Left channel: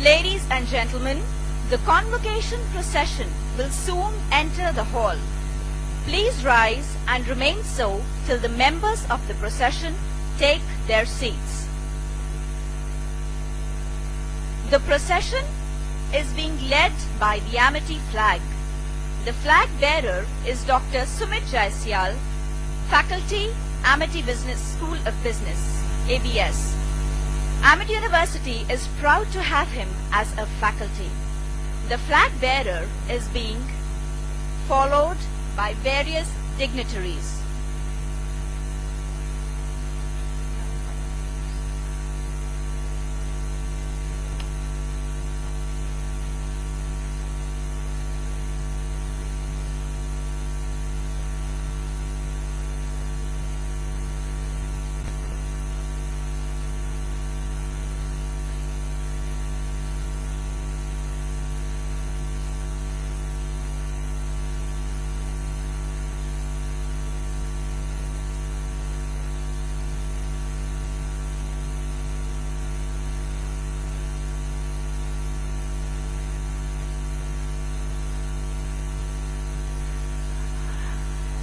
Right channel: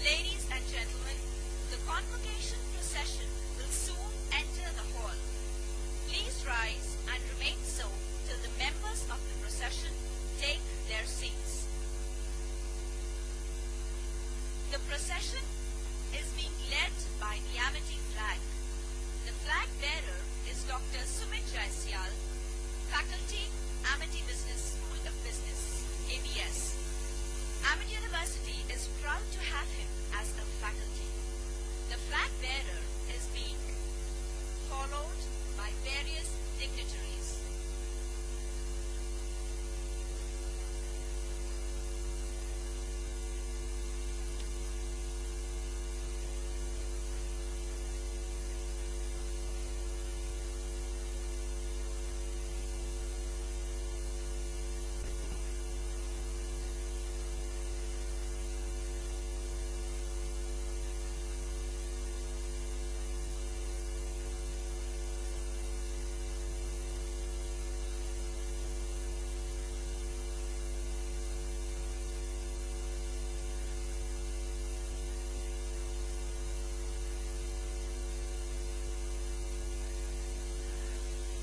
Ladies and gentlemen, the convocation procession will soon enter the hall. Please rise and remain so till the members of the procession take their seats. The procession is being led by the Amity flag. The flag bearer is Dr. Sumit Jaisyal, Faculty, Amity Business School of Business, ABS. Amity University is proud to have him as a faculty. The flag bearer is being followed by various dignitaries.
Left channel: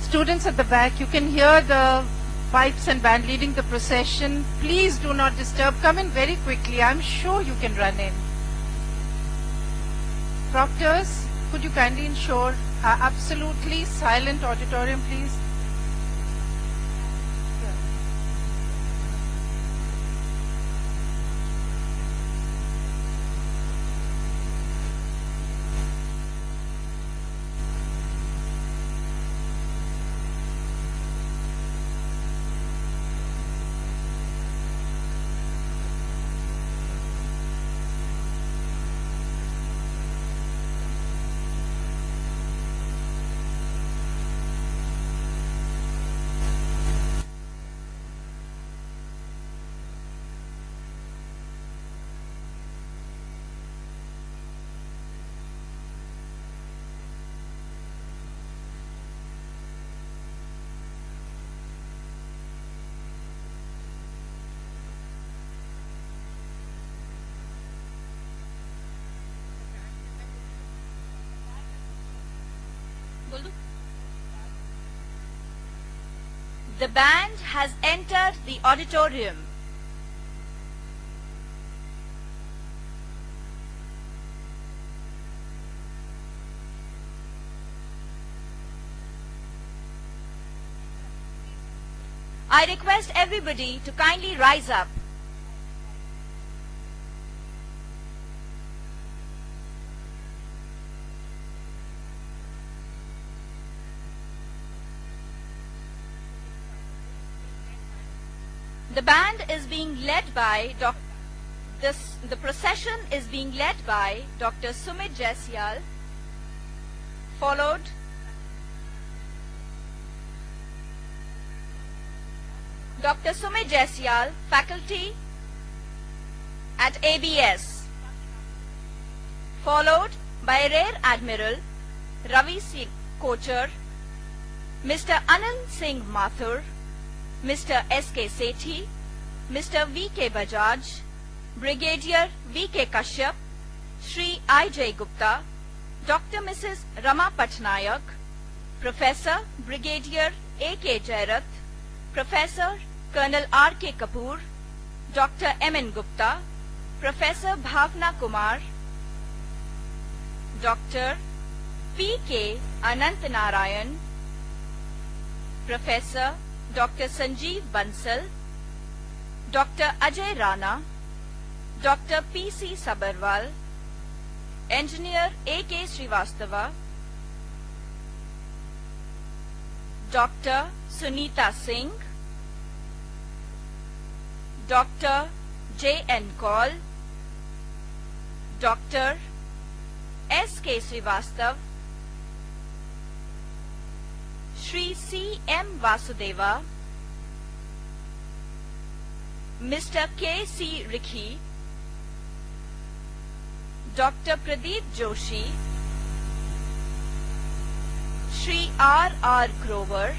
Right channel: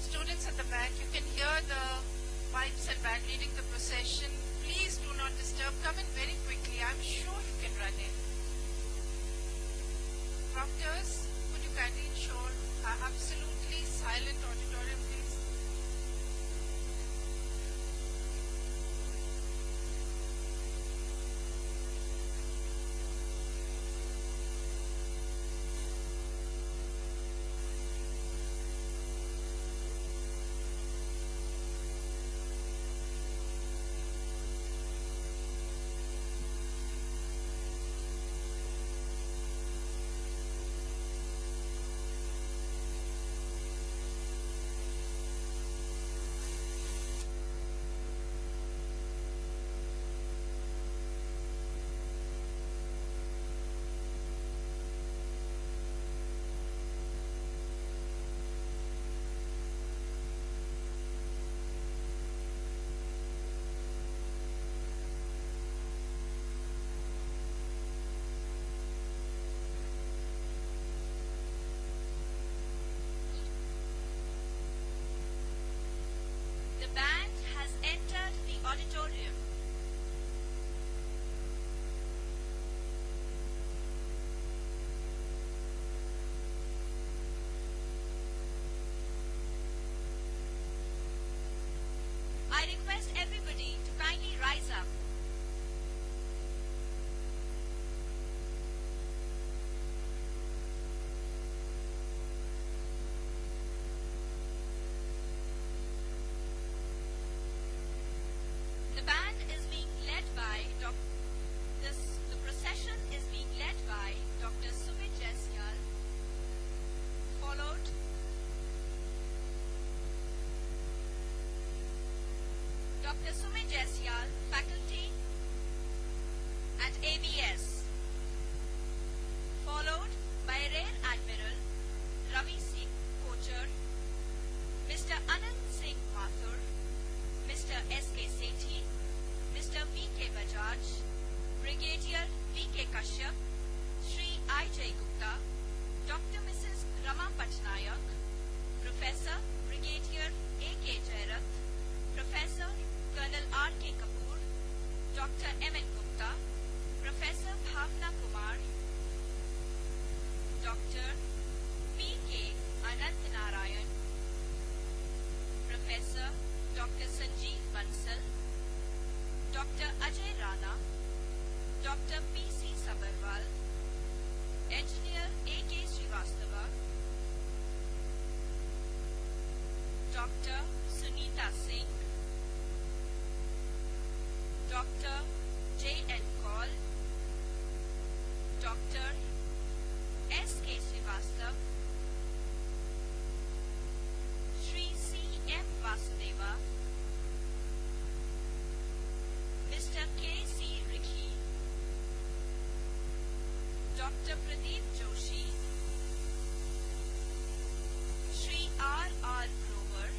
Students at the back, you can hear the pipes and band leading the procession. Please do not disturb. Come in very quickly. I'm sure you can run in. Proctors, could you kindly ensure absolutely silent auditorium, please? The band has entered the auditorium. I request everybody to kindly rise up. The band is being led by the procession is being led by Dr. Sumit Jaisyal, followed Dr. Sumit Jaisyal, faculty at ABS, followed by Rear Admiral Ravi Singh Kochar, Mr. Anand Singh Mathur, Mr. S.K. Sethi, Mr. V.K. Bajaj, Brigadier V.K. Kashyap, Shri I.J. Gupta, Dr. Mrs. Rama Patnaik, Professor Brigadier A.K. Jairath, Professor Colonel R.K. Kapoor, Dr. M.N. Gupta, Professor Bhavna Kumar, Dr. P.K. Anant Narayan, Professor Dr. Sanjeev Bansal, Dr. Ajay Rana, Dr. P.C. Sabarwal, Engineer A.K. Srivastava, Dr. Sunita Singh, Dr. J.N. Kaul, Dr. S.K. Srivastav, Shri C.M. Vasudeva, Mr. K.C. Rikhi, Dr. Pradeep Joshi, Shri R. Grover,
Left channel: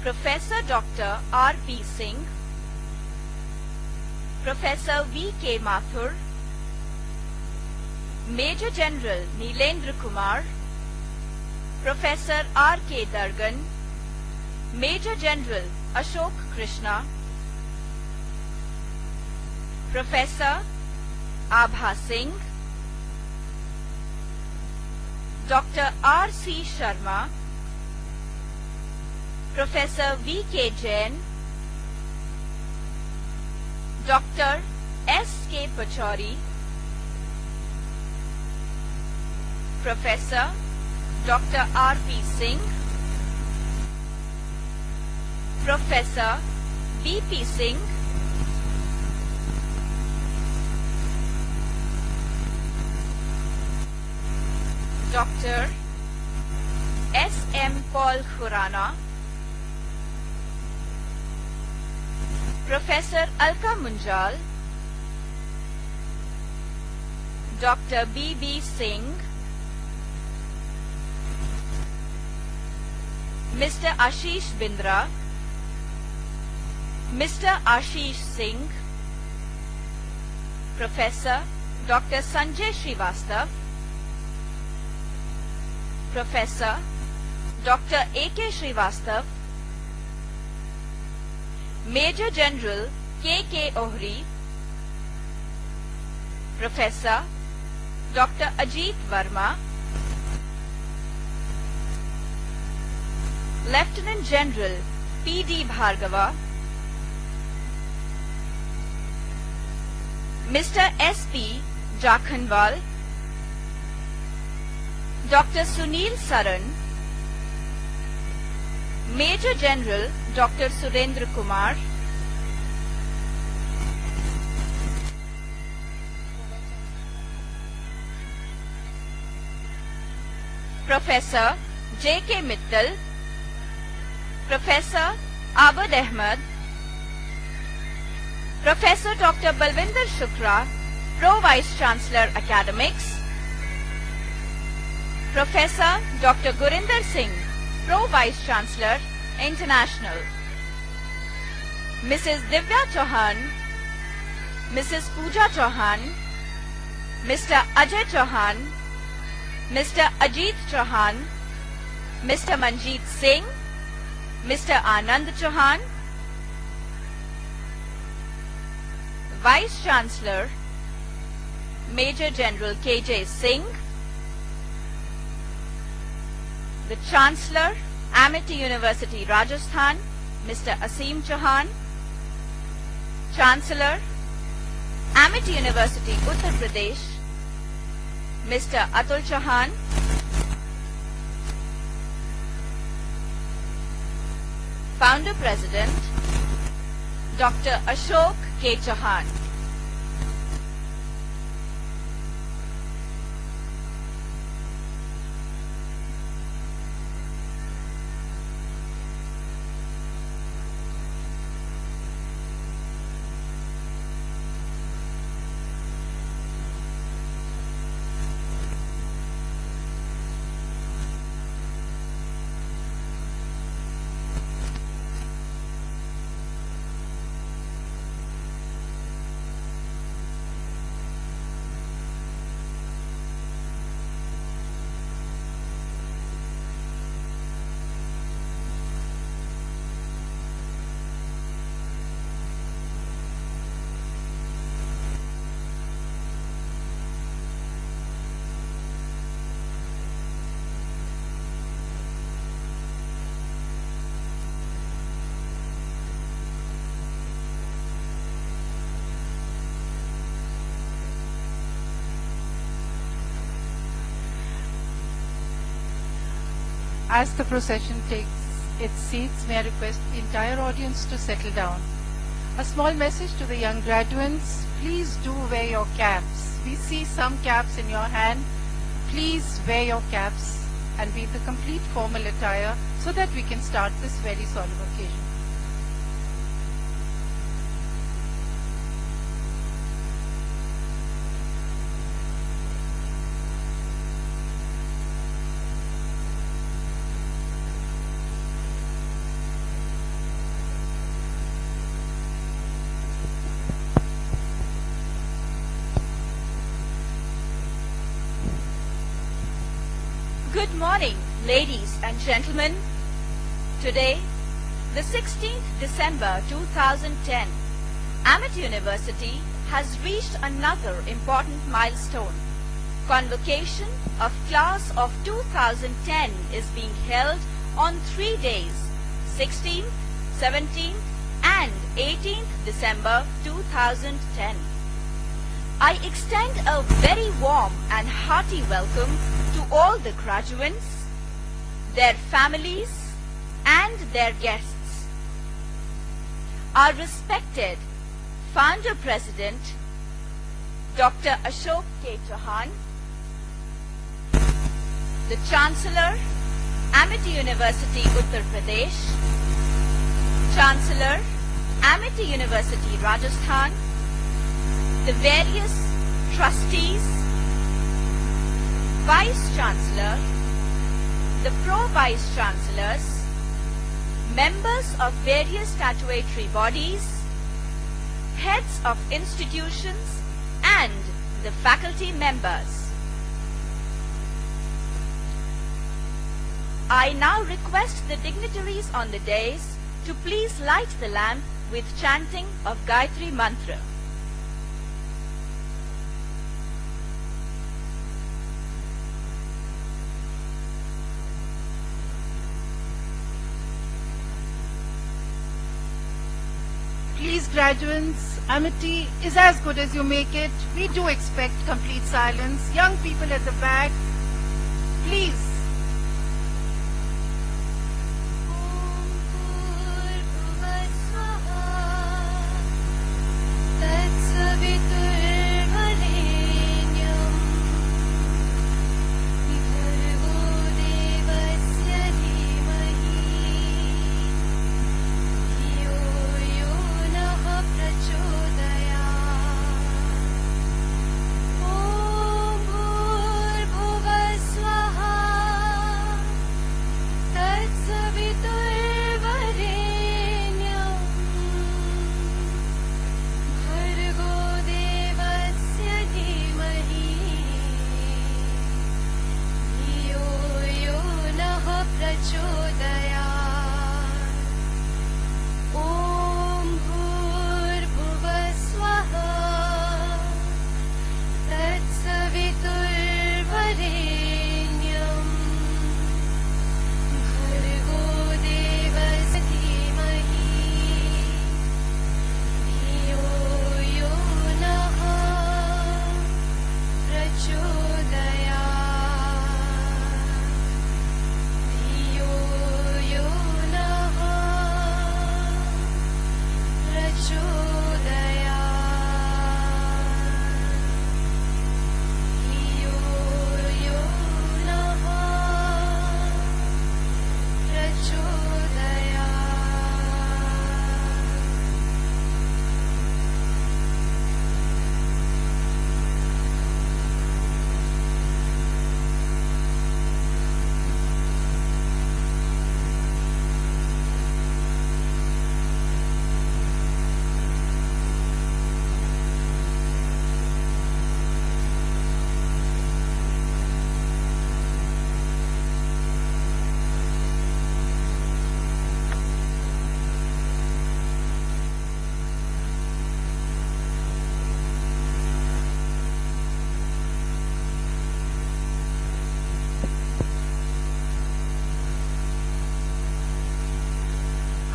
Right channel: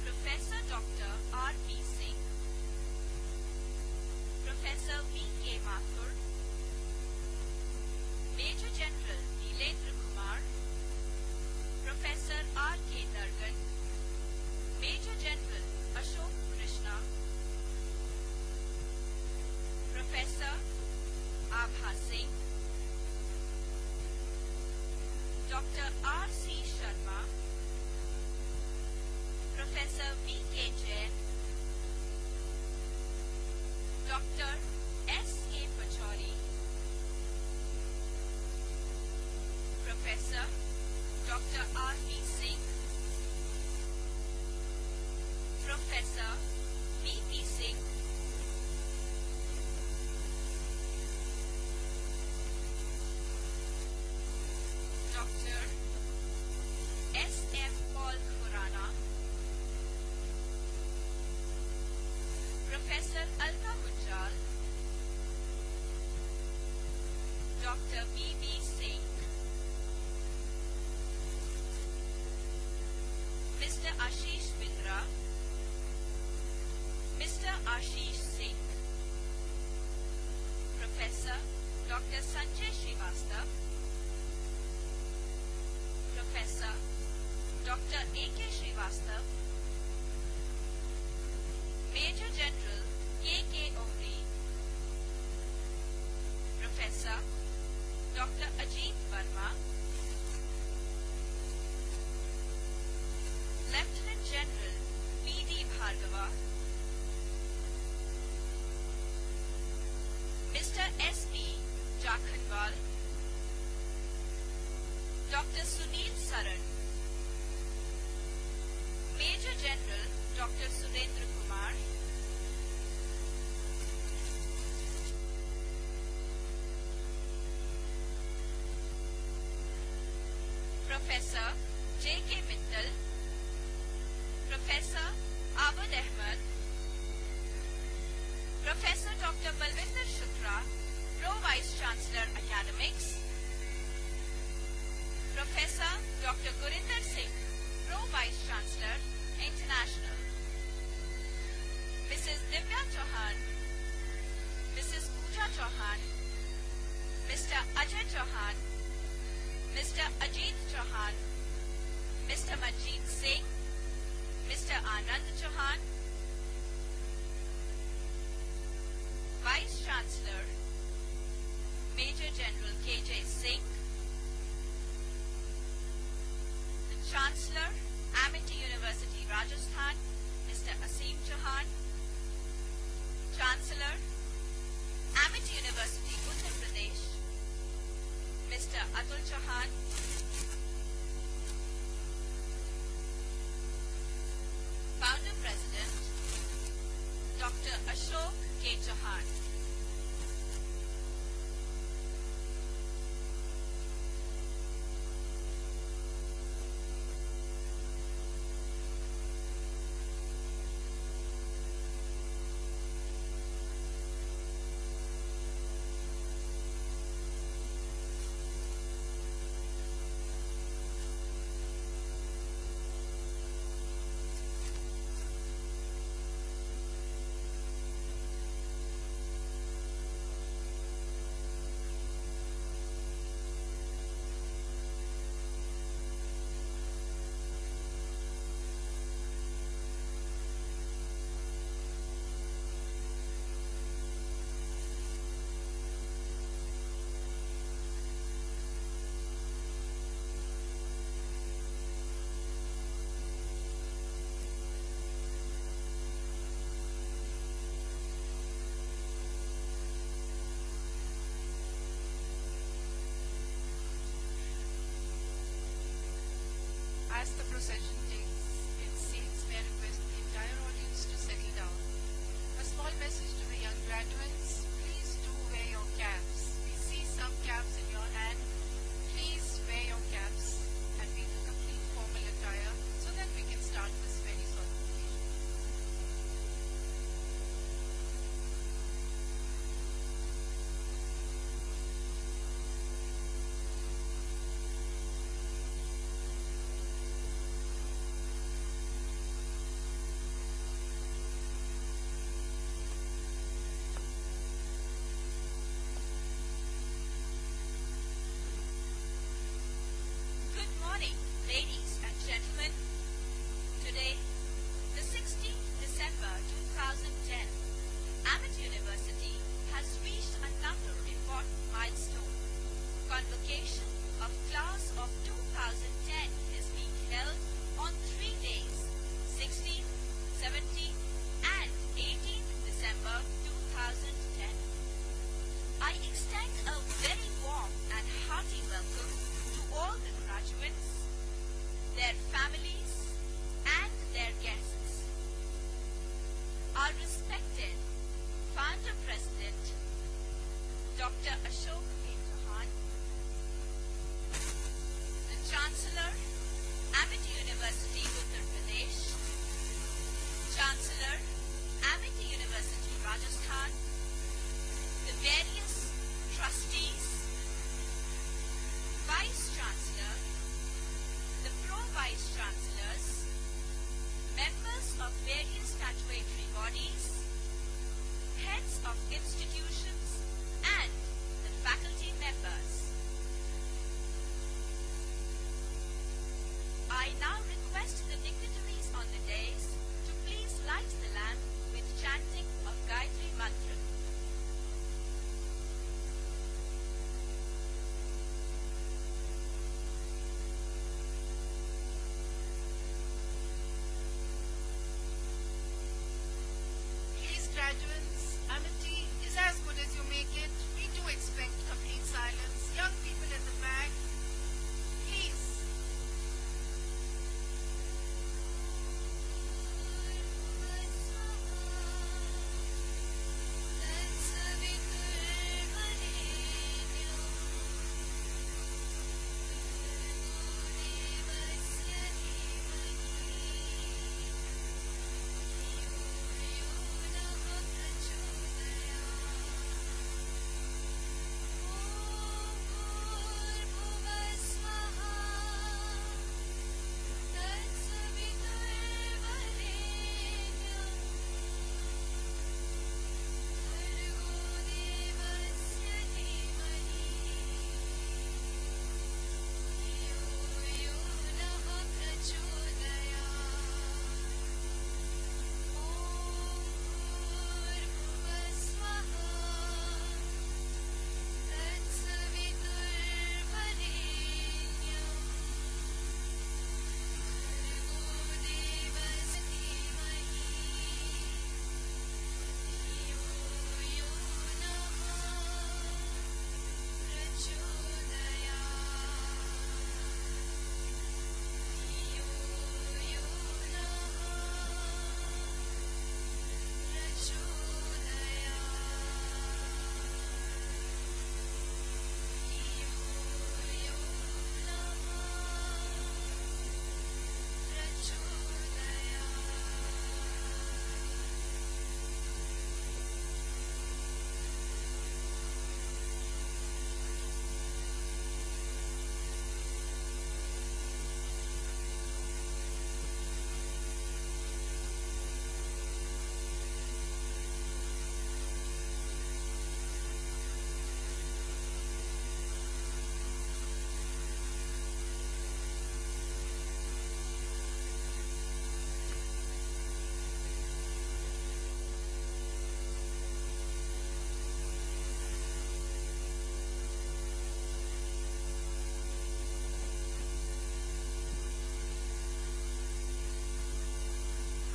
Professor Dr. R.P. Singh, Professor V.K. Mathur, Major General Neelendra Kumar, Professor R.K. Dargan, Major General Ashok Krishna, Professor Abha Singh, Dr. R.C. Sharma, Professor V.K. Jain, Dr. S.K. Pachauri, Professor Dr. R.P. Singh, Professor B.P. Singh, Dr. S.M. Paul Khurana, Professor Alka Munjal, Dr. B.B. Singh, Mr. Ashish Bindra, Mr. Ashish Singh, Professor Dr. Sanjay Srivastav, Professor Dr. A.K. Srivastav, Major General K.K. Ohri, Professor Dr. Ajit Verma, Lieutenant General P.D. Bhargava, Mr. S.P. Jakhanwal, Dr. Sunil Saran, Major General Dr. Surendra Kumar, Professor J.K. Mittal, Professor Abad Ahmed, Professor Dr. Balwinder Shukla, Pro Vice Chancellor Academics, Professor Dr. Gurinder Singh, Pro Vice Chancellor International, Mrs. Divya Chauhan, Mrs. Pooja Chauhan, Mr. Ajay Chauhan, Mr. Ajit Chauhan, Mr. Manjeet Singh, Mr. Anand Chauhan, Vice Chancellor Major General K.J. Singh, the Chancellor Amity University Rajasthan Mr. Asim Chauhan, Chancellor Amity University Uttar Pradesh Mr. Atul Chauhan, Founder President Dr. Ashok K. Chauhan. As the procession takes its seats, may I request the entire audience to settle down. A small message to the young graduates, please do wear your caps. We see some caps in your hand. Please wear your caps and be the complete formal attire so that we can start this very solemn occasion. Good morning, ladies and gentlemen. Today, the 16th December 2010, Amity University has reached another important milestone. Convocation of class of 2010 is being held on 3 days, 16th, 17th and 18th December 2010. I extend a very warm and hearty welcome to all the graduates, their families and their guests. Our respected Founder President, Dr. Ashok K. Chauhan, the Chancellor, Amity University, Uttar Pradesh, Chancellor, Amity University, Rajasthan, the various trustees, Vice Chancellor, the Pro-Vice Chancellors, members of various statutory bodies, heads of institutions and the faculty members. I now request the dignitaries on the dais to please light the lamp with chanting of Gayatri Mantra. Please, graduates, Amity is as good as you make it. We do expect complete silence. Young people at the back, please.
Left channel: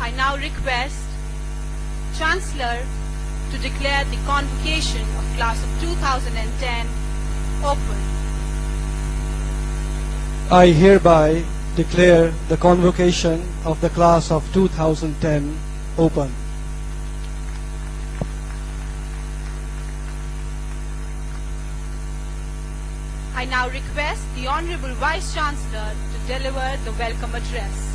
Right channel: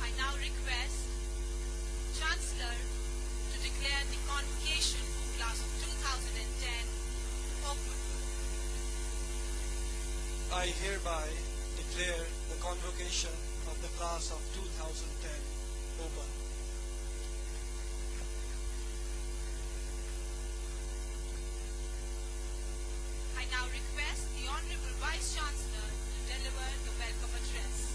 I now request Chancellor to declare the convocation of class of 2010 open. I hereby declare the convocation of the class of 2010 open. I now request the Honorable Vice Chancellor to deliver the welcome address.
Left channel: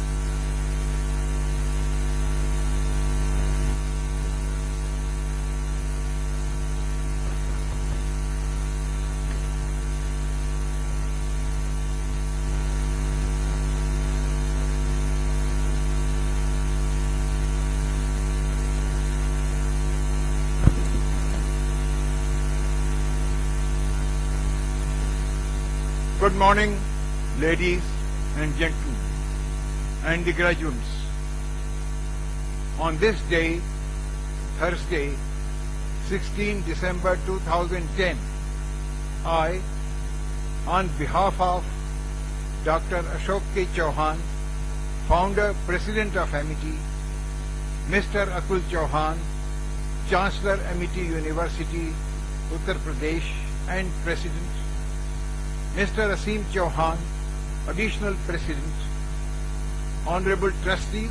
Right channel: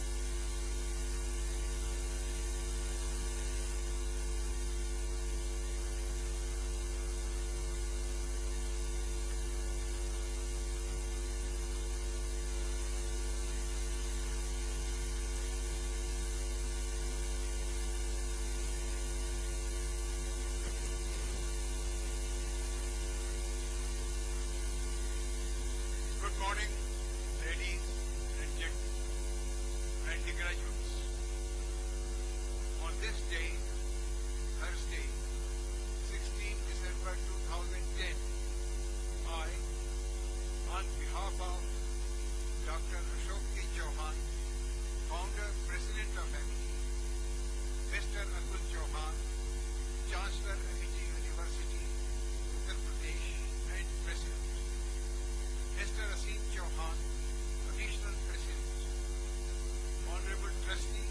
Good morning, ladies and gentlemen, and the graduates. On this day, Thursday, 16 December 2010, I, on behalf of Dr. Ashok K. Chauhan, Founder, President of Amity, Mr. Atul Chauhan, Chancellor, Amity University, Uttar Pradesh, and President, Mr. Aseem Chauhan, Additional President, Honorable Trustees,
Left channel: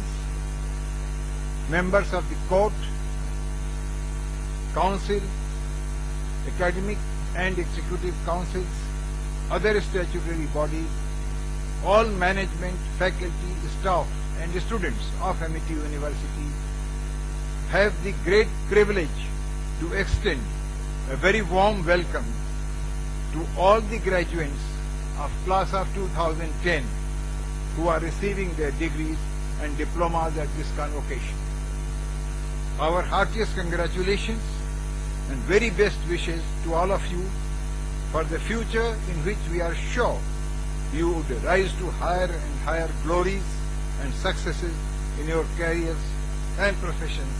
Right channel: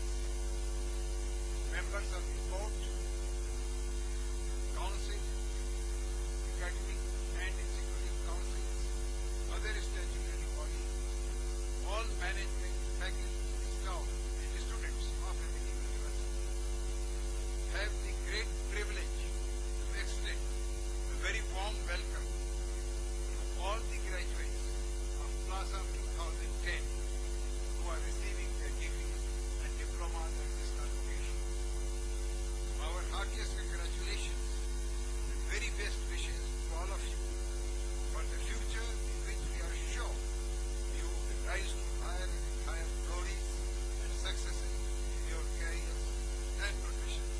members of the Court, Council, Academic and Executive Councils, other statutory bodies, all management, faculty, staff and students of Amity University have the great privilege to extend a very warm welcome to all the graduates of class of 2010 who are receiving their degrees and diplomas at this convocation. Our heartiest congratulations and very best wishes to all of you for the future in which we are sure you would rise to higher and higher glories and successes in your careers and professions,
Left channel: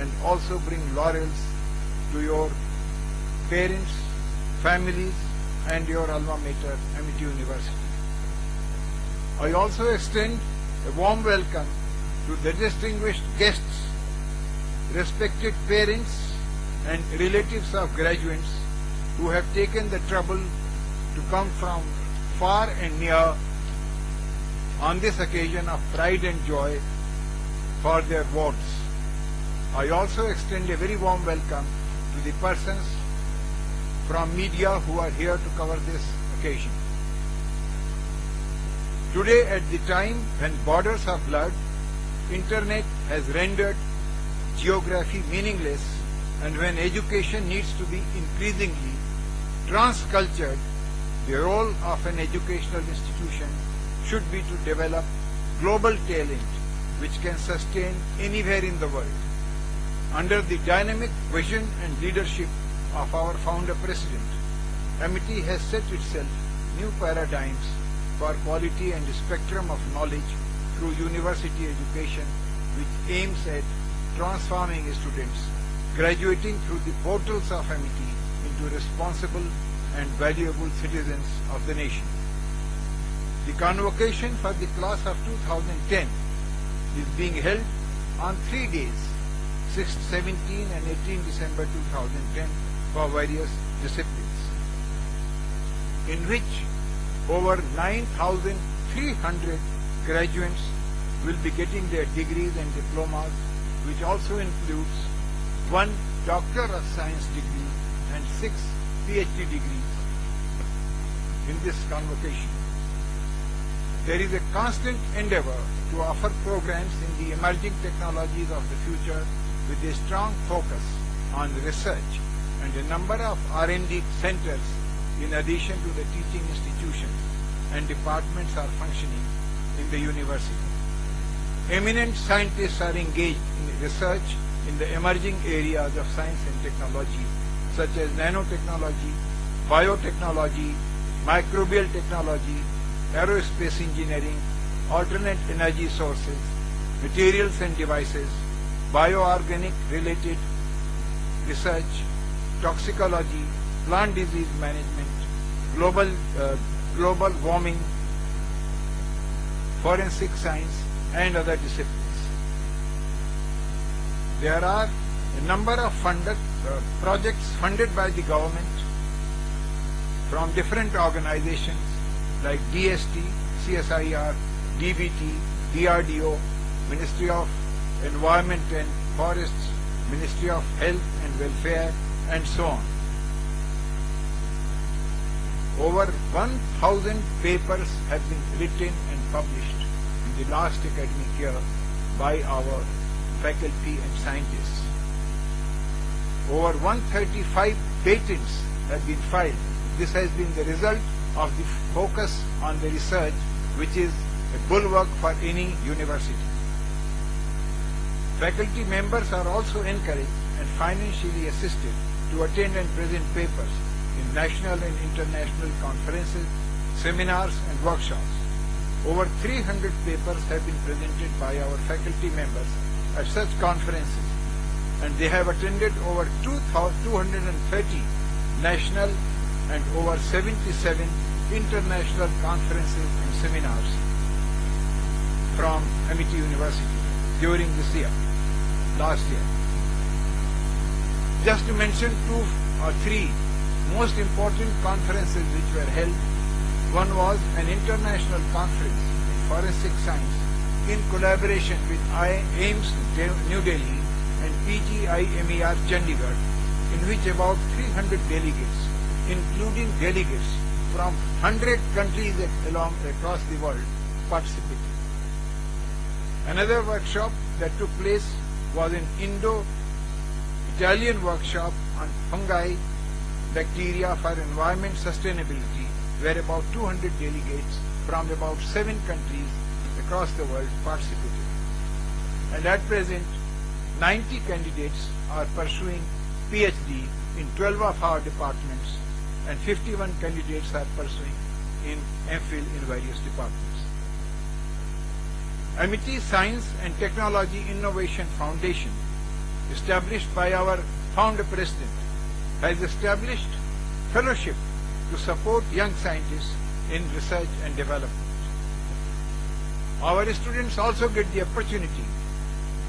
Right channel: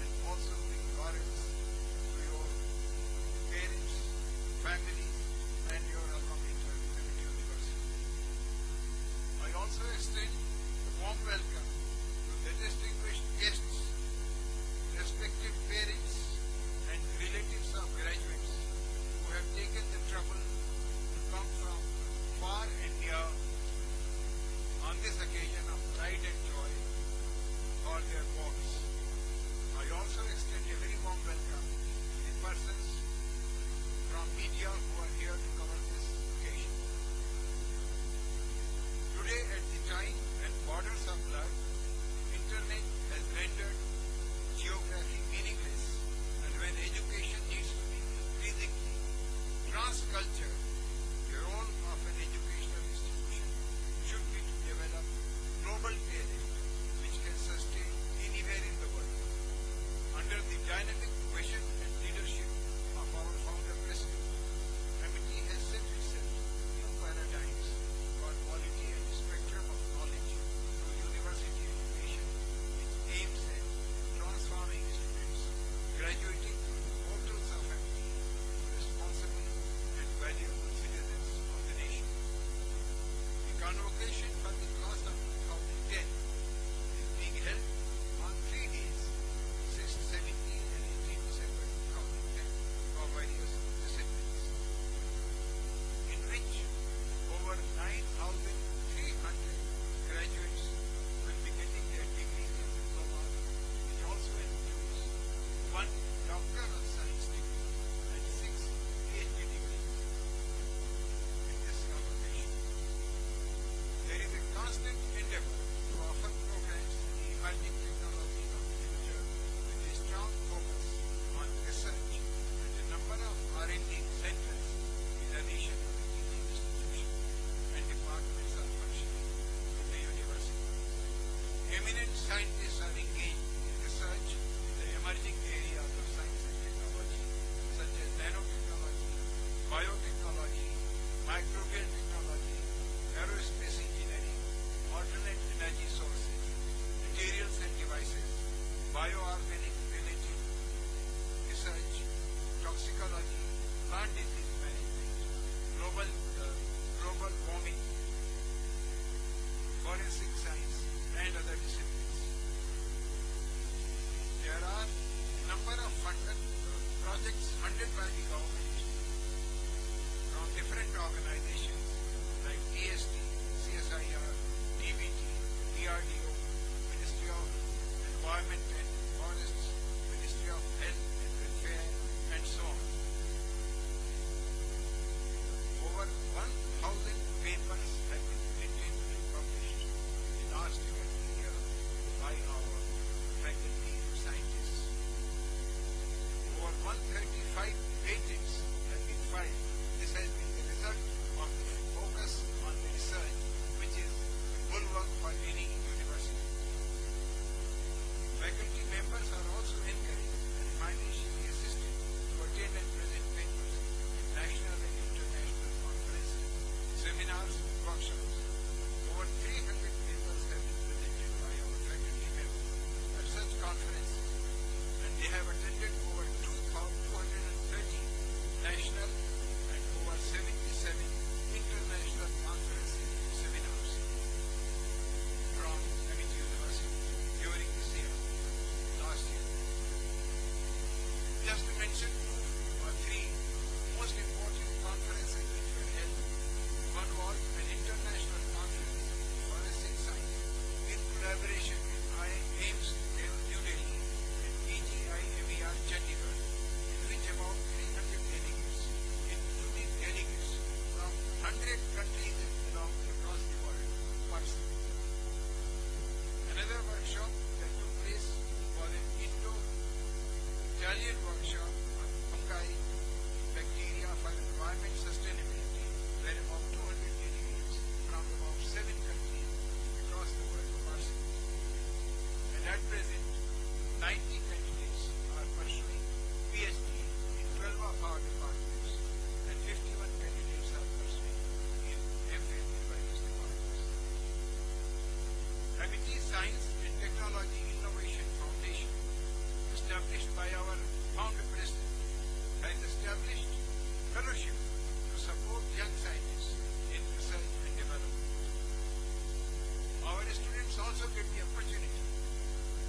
and also bring laurels to your parents, families, and your alma mater, Amity University. I also extend a warm welcome to the distinguished guests, respected parents, and relatives of graduates who have taken the trouble to come from far and near on this occasion of pride and joy for their wards. I also extend a very warm welcome to the persons from media who are here to cover this occasion. Today, at the time when borders are blurred, internet has rendered geography meaningless, and when education needs to be increasingly transcultured, the role of an educational institution should be to develop global talent which can sustain anywhere in the world. Under the dynamic vision and leadership of our founder president, Amity has set itself new paradigms for quality and spectrum of knowledge through university education, which aims at transforming students graduating through the portals of Amity into responsible and valuable citizens of the nation. The convocation for the class of 2010 is being held on 3 days, 6, 17 and 18 December 2010 for various disciplines, in which over 9,300 graduates will be getting their degrees and diplomas, which also includes 1 Doctor of Science degree and 6 PhD degrees in this convocation. There is a constant endeavor to offer programs in the emerging technologies of the future with a strong focus on research, and a number of R&D centers in addition to the teaching institutions and departments are functioning in the university. Eminent scientists are engaged in research in the emerging areas of science and technology, such as nanotechnology, biotechnology, microbial technology, aerospace engineering, alternate energy sources, materials and devices, bioorganic related research, toxicology, plant disease management, global warming, forensic science, and other disciplines. There are a number of projects funded by the government from different organizations like DST, CSIR, DBT, DRDO, Ministry of Environment and Forests, Ministry of Health and Welfare, and so on. Over 1,000 papers have been written and published in the last academic year by our faculty and scientists. Over 135 patents have been filed. This has been the result of the focus on the research, which is a bulwark for any university. Faculty members are also encouraged and financially assisted to attend and present papers in national and international conferences, seminars and workshops. Over 300 papers have been presented by our faculty members at such conferences, and they have attended over 230 national and over 77 international conferences and seminars from Amity University during last year. Just to mention 2 or 3 most important conferences which were held. One was an international conference in forensic science in collaboration with AIIMS New Delhi and PGIMER Chandigarh, in which about 300 delegates, including delegates from 100 countries across the world, participated. Another workshop that took place was an Indo-Italian workshop on fungi, bacteria for environment sustainability, where about 200 delegates from about 7 countries across the world participated. And at present, 90 candidates are pursuing PhD in 12 of our departments, and 51 candidates are pursuing in MPhil in various departments. Amity Science and Technology Innovation Foundation, established by our founder president, has established fellowship to support young scientists in research and development. Our students also get the opportunity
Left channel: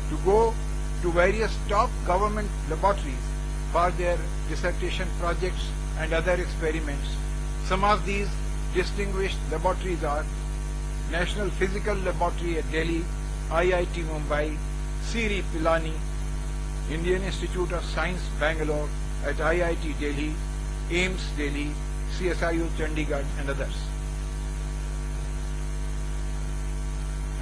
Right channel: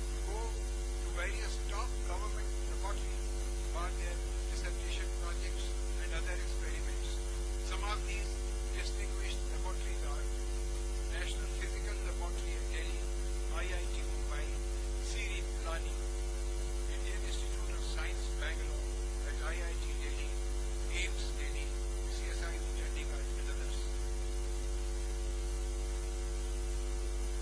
to go to various top government laboratories for their dissertation projects and other experiments. Some of these distinguished laboratories are National Physical Laboratory at Delhi, IIT Mumbai, CIRI Pilani, Indian Institute of Science Bangalore at IIT Delhi, AIIMS Delhi, CSIU Chandigarh and others.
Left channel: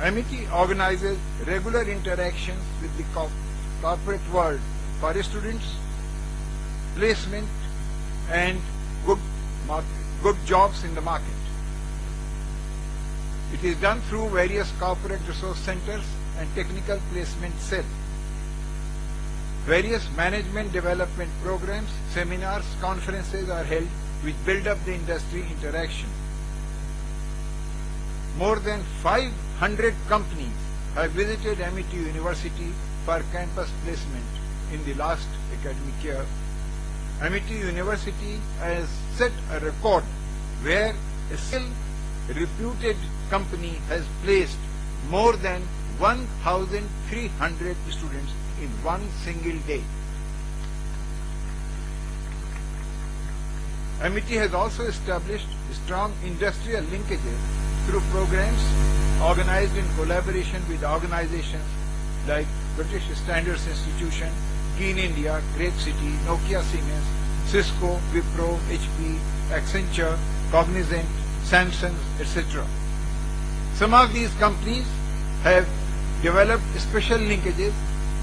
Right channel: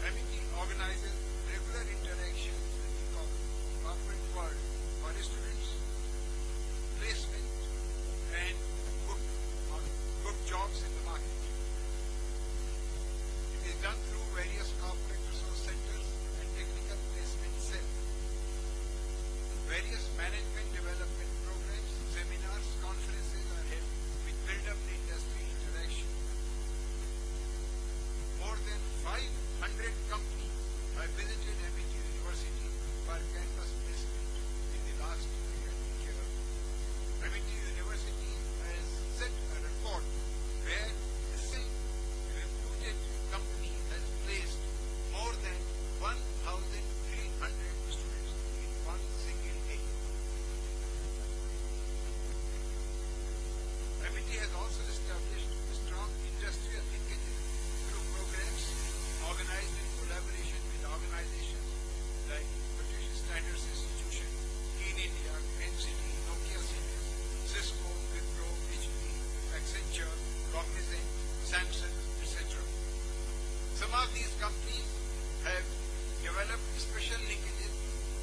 Amity organizes regular interactions with the corporate world for students, placement and good jobs in the market. It is done through various corporate resource centers and technical placement cells. Various management development programs, seminars, conferences are held which build up the industry interaction. More than 500 companies have visited Amity University for campus placement in the last academic year. Amity University has set a record where a single reputed company has placed more than 1,300 students in one single day. Amity has also established strong industrial linkages through programs organized in collaboration with organizations like British Standards Institution, Keen India, Great City, Nokia Siemens, Cisco, Wipro, HP, Accenture, Cognizant, Samsung, etc. Some of these companies have developed special linkages,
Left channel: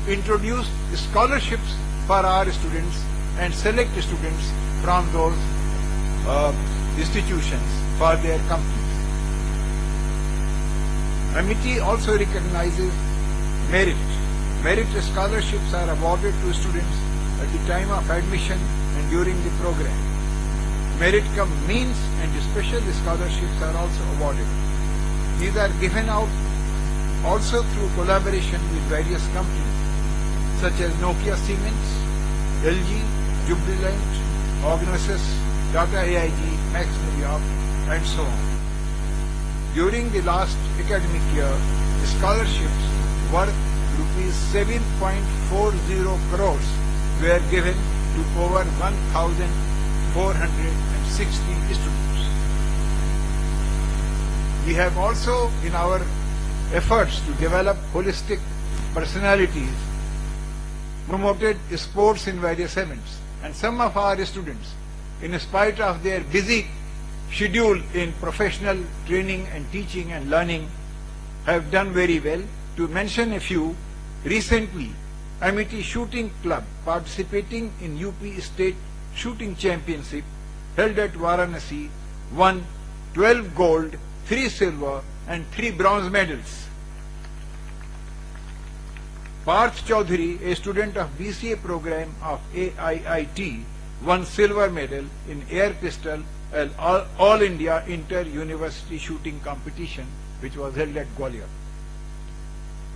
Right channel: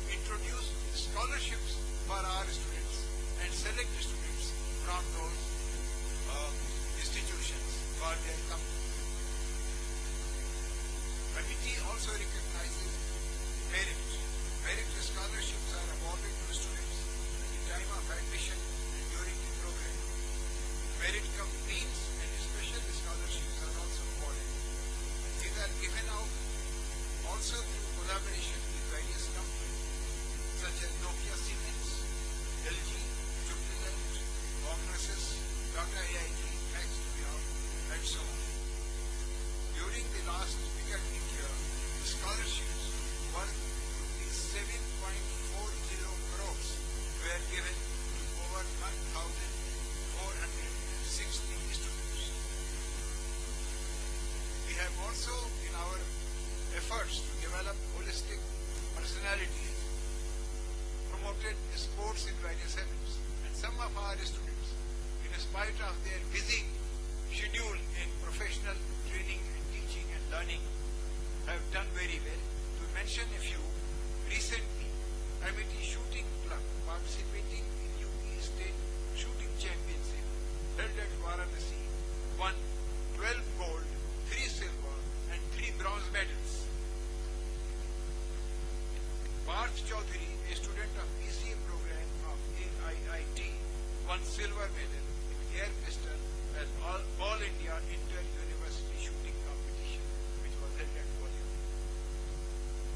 introduced scholarships for our students and select students from those institutions for their companies. Amity also recognizes merit. Merit scholarships are awarded to students at the time of admission and during the program. Merit cum means and special scholarships are also awarded. These are given out also through collaboration with various companies such as Nokia Siemens, LG, Jubilant, Ognosys, Tata AIG, Max New York, and so on. During the last academic year, scholarships worth rupees 7.40 crores were given to over 1,460 students. We have also, in our efforts to develop holistic personalities, promoted sports in various events. And some of our students, in spite of their busy schedule in professional training and teaching and learning, have done very well. To mention a few, recently Amity Shooting Club, participating in UP State Shooting Championship held at Varanasi, won 12 gold, 3 silver and 3 bronze medals. Parth Chaudhary, a student of BCA program of AIIT, won silver medal in air pistol at All India Inter-University Shooting Competition, which was held at Gwalior.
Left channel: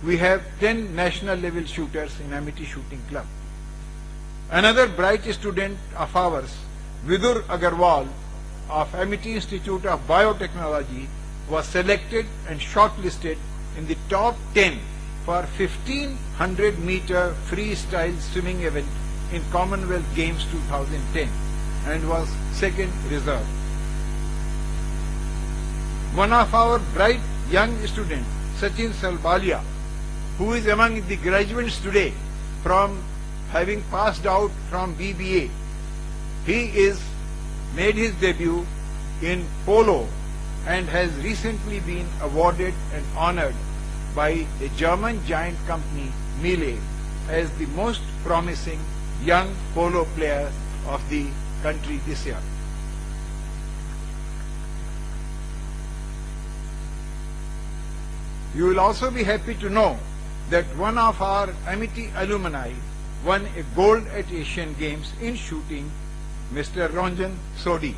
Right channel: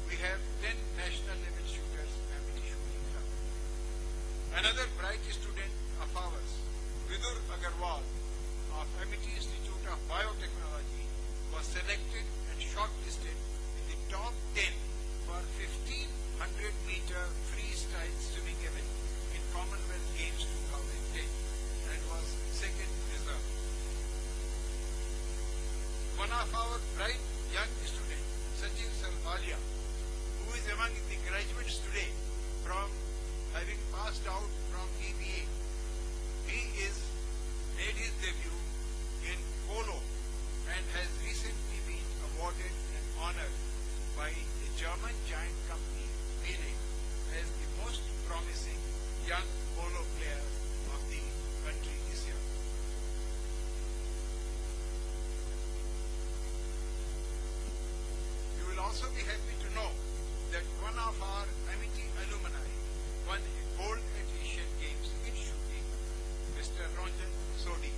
We have 10 national level shooters in Amity Shooting Club. Another bright student of ours, Vidur Agarwal of Amity Institute of Biotechnology, was selected and shortlisted in the top 10 for 1500 meter freestyle swimming event in Commonwealth Games 2010 and was second reserve. One of our bright young students, Sachin Salbalia, who is among the graduates today from having passed out from BBA, he is made his debut in polo and has recently been awarded and honored by a German giant company, Miele, as the most promising young polo player of the country this year. You will also be happy to know that one of our Amity alumni won a gold at Asian Games in shooting, Mr. Ranjan Sodhi.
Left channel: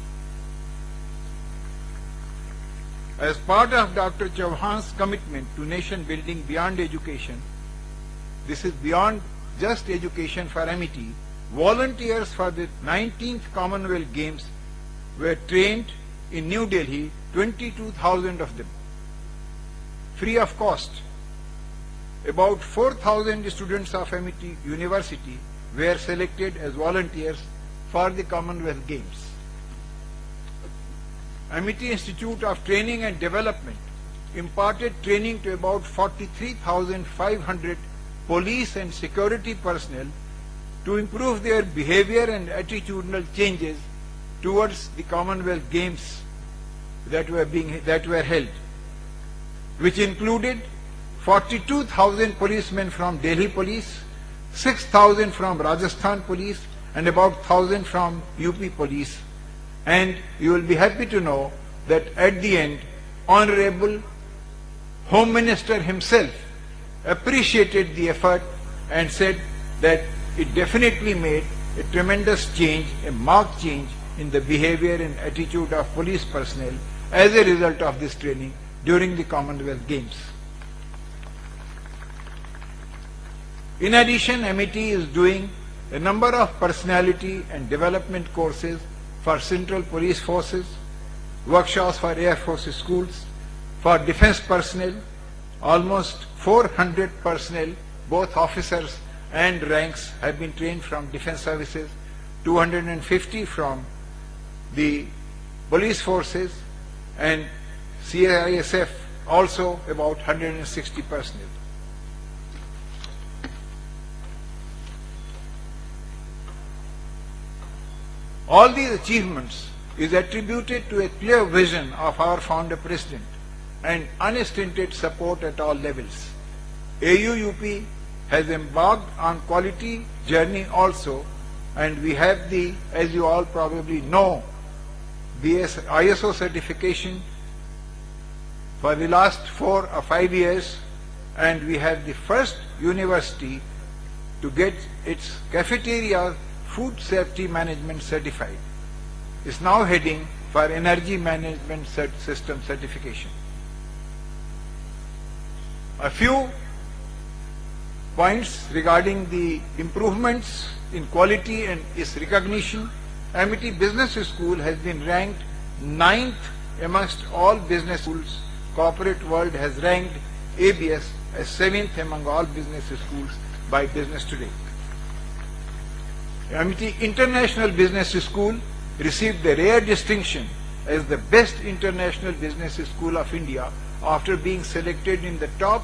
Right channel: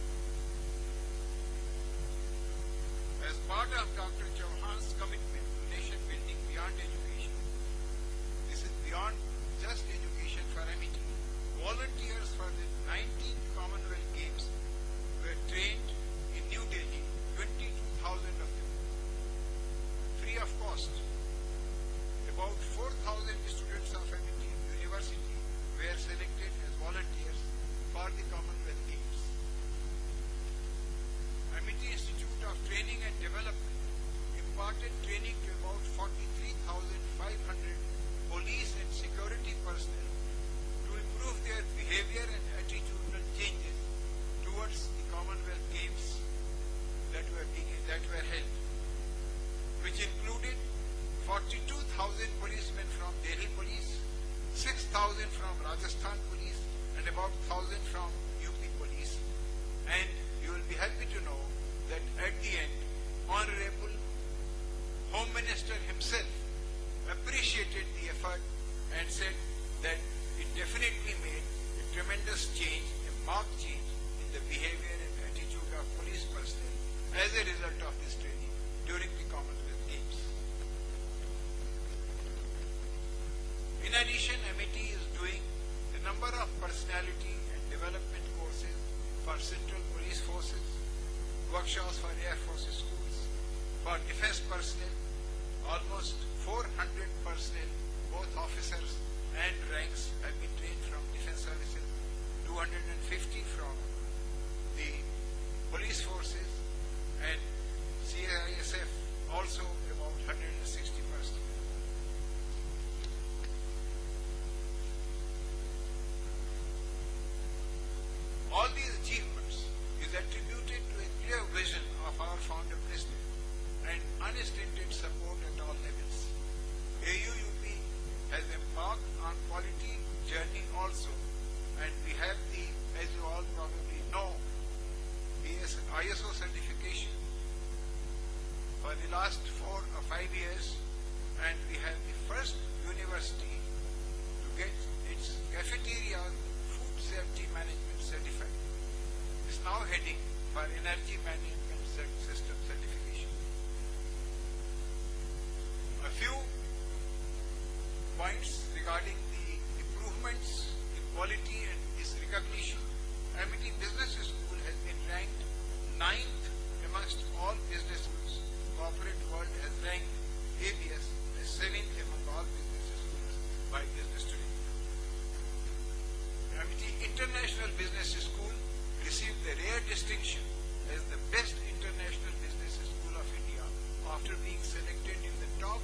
As part of Dr. Chauhan's commitment to nation building beyond education, this is beyond just education for Amity, volunteers for the 19th Commonwealth Games were trained in New Delhi, 22,000 of them, free of cost. About 4,000 students of Amity University were selected as volunteers for the Commonwealth Games. Amity Institute of Training and Development imparted training to about 43,500 police and security personnel to improve their behavior and attitudinal changes towards the Commonwealth Games that were held, which included 42,000 policemen from Delhi Police, 6,000 from Rajasthan Police, and about 1,000 from UP Police. And you will be happy to know that at the end, Honorable Home Minister himself appreciated the effort and said that it definitely made a tremendous change, a marked change in the behavior and attitude of police personnel as a result of this training during the Commonwealth Games. In addition, Amity is doing a number of personality and development courses for Central Police Forces, workshops for Air Force schools, for defense personnel. Almost 400 personnel, both officers and ranks, have been trained from defense services, 250 from the police forces, and CISF also about 160 personnel. All these achievements is attributed to a clear vision of our founder president and unstinted support at all levels. AUUP has embarked on quality journey also, and we have the, as you all probably know, the ISO certification for the last 4 or 5 years, and we have the first university to get its cafeteria food safety management certified. Is now heading for energy management system certification. A few points regarding the improvements in quality and its recognition. Amity Business School has been ranked 9th amongst all business schools. Corporate World has ranked ABS as 7th among all business schools by Business Today. Amity International Business School received the rare distinction as the best international business school of India after being selected in the top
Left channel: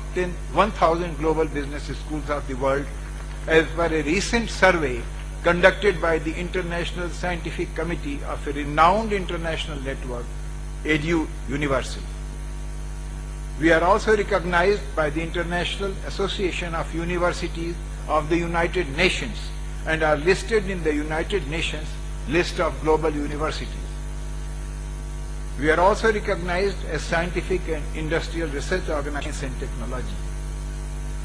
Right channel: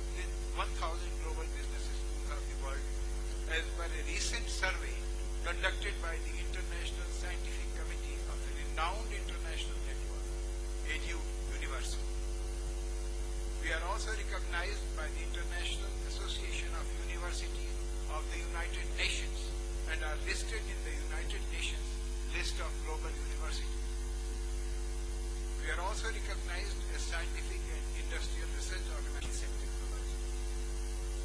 1,000 global business schools of the world as per a recent survey conducted by the International Scientific Committee of a renowned international network, Edu Universal. We are also recognized by the International Association of Universities of the United Nations and are listed in the United Nations list of global universities. We are also recognized as scientific and industrial research organization and technology.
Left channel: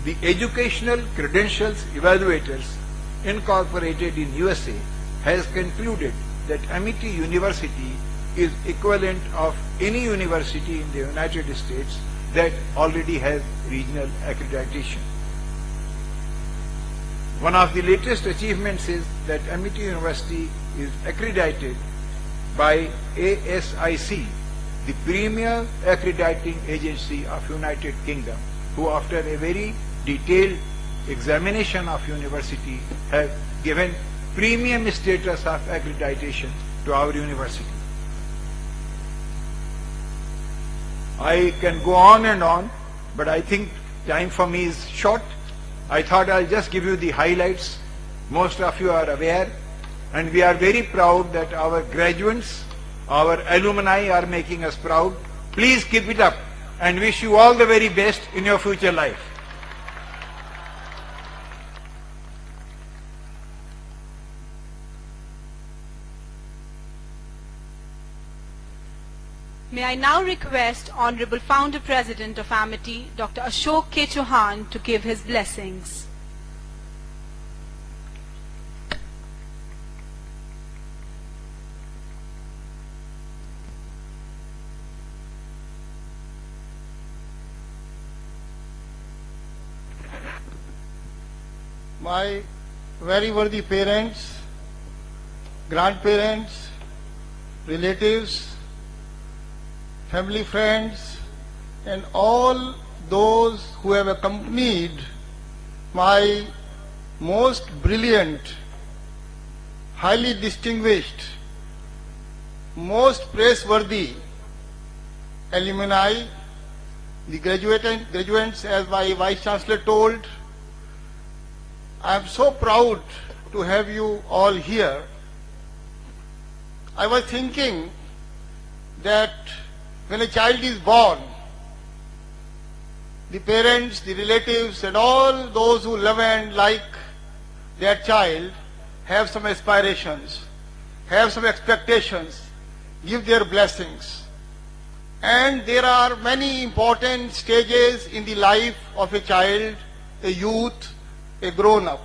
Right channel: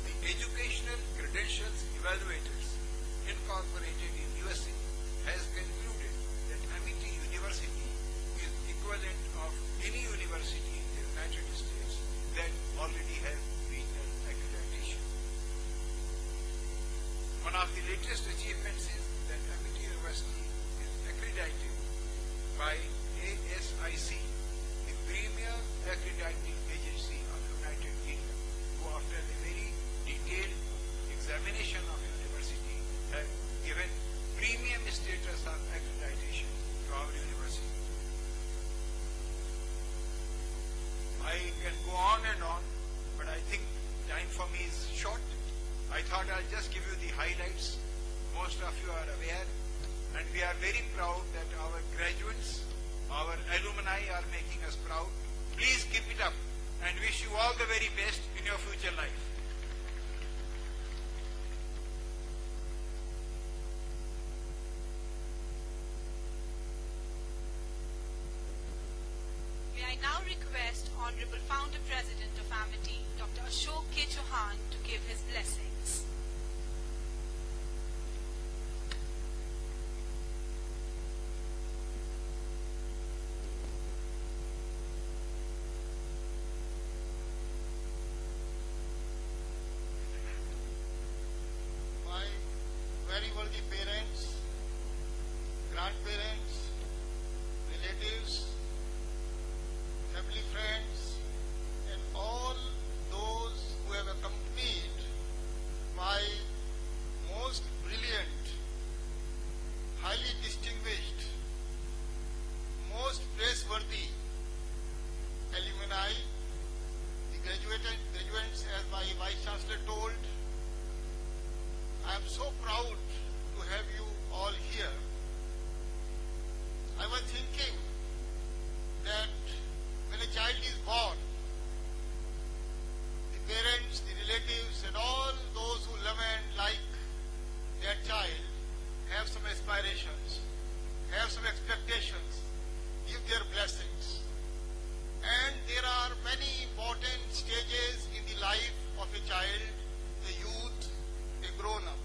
The Educational Credentials Evaluators Incorporated in USA has concluded that Amity University is equivalent of any university in the United States that already has regional accreditation. One of the latest achievements is that Amity University is accredited by ASIC, the premier accrediting agency of United Kingdom, who after a very detailed examination of university have given premium status of accreditation to our university. I can go on and on, but I think time for me is short. I thought I'll just give you the highlights. Most of you are aware, and we are very proud that our graduates, our alumni are making us proud. Please keep it up and wish you all the very best in your future life. May I now request Honorable Founder President of Amity, Dr. Ashok K. Chauhan, to give his blessings. My very worthy parents, grandparents, relatives, family friends, and all those who have accompanied my most brilliant, highly distinguished, most praiseworthy alumni, the graduates, as my Vice Chancellor told. I am so proud to have you all here. I was thinking that when a child is born, the parents, the relatives, and all those who love and like their child have some aspirations, have some expectations, give their blessings. And there are many important stages in the life of a child, a youth, a grown-up.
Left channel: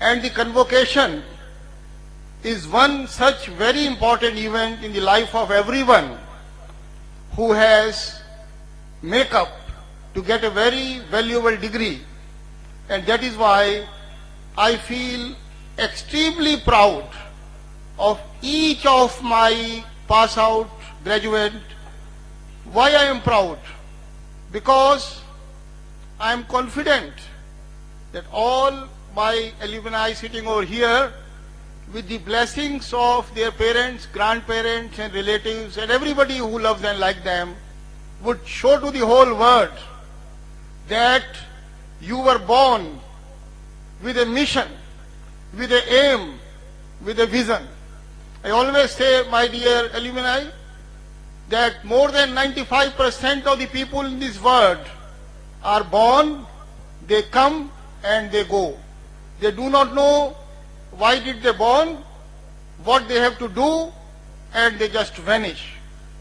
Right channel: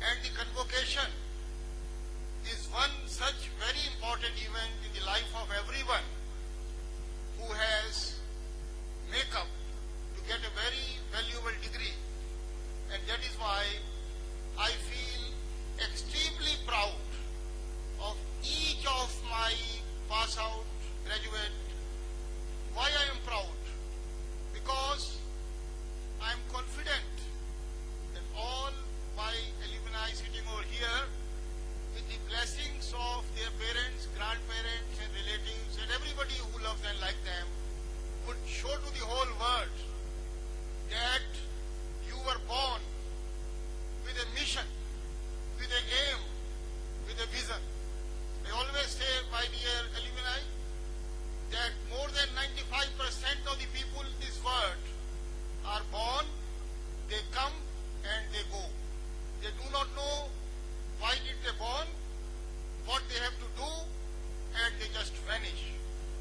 And the convocation is one such very important event in the life of everyone who has make up to get a very valuable degree. And that is why I feel extremely proud of each of my pass out graduate. Why I am proud? Because I am confident that all my alumni sitting over here, with the blessings of their parents, grandparents, and relatives, and everybody who loves and likes them, would show to the whole world that you were born with a mission, with an aim, with a vision. I always say, my dear alumni, that more than 95% of the people in this world are born, they come, and they go. They do not know why did they born, what they have to do, and they just vanish.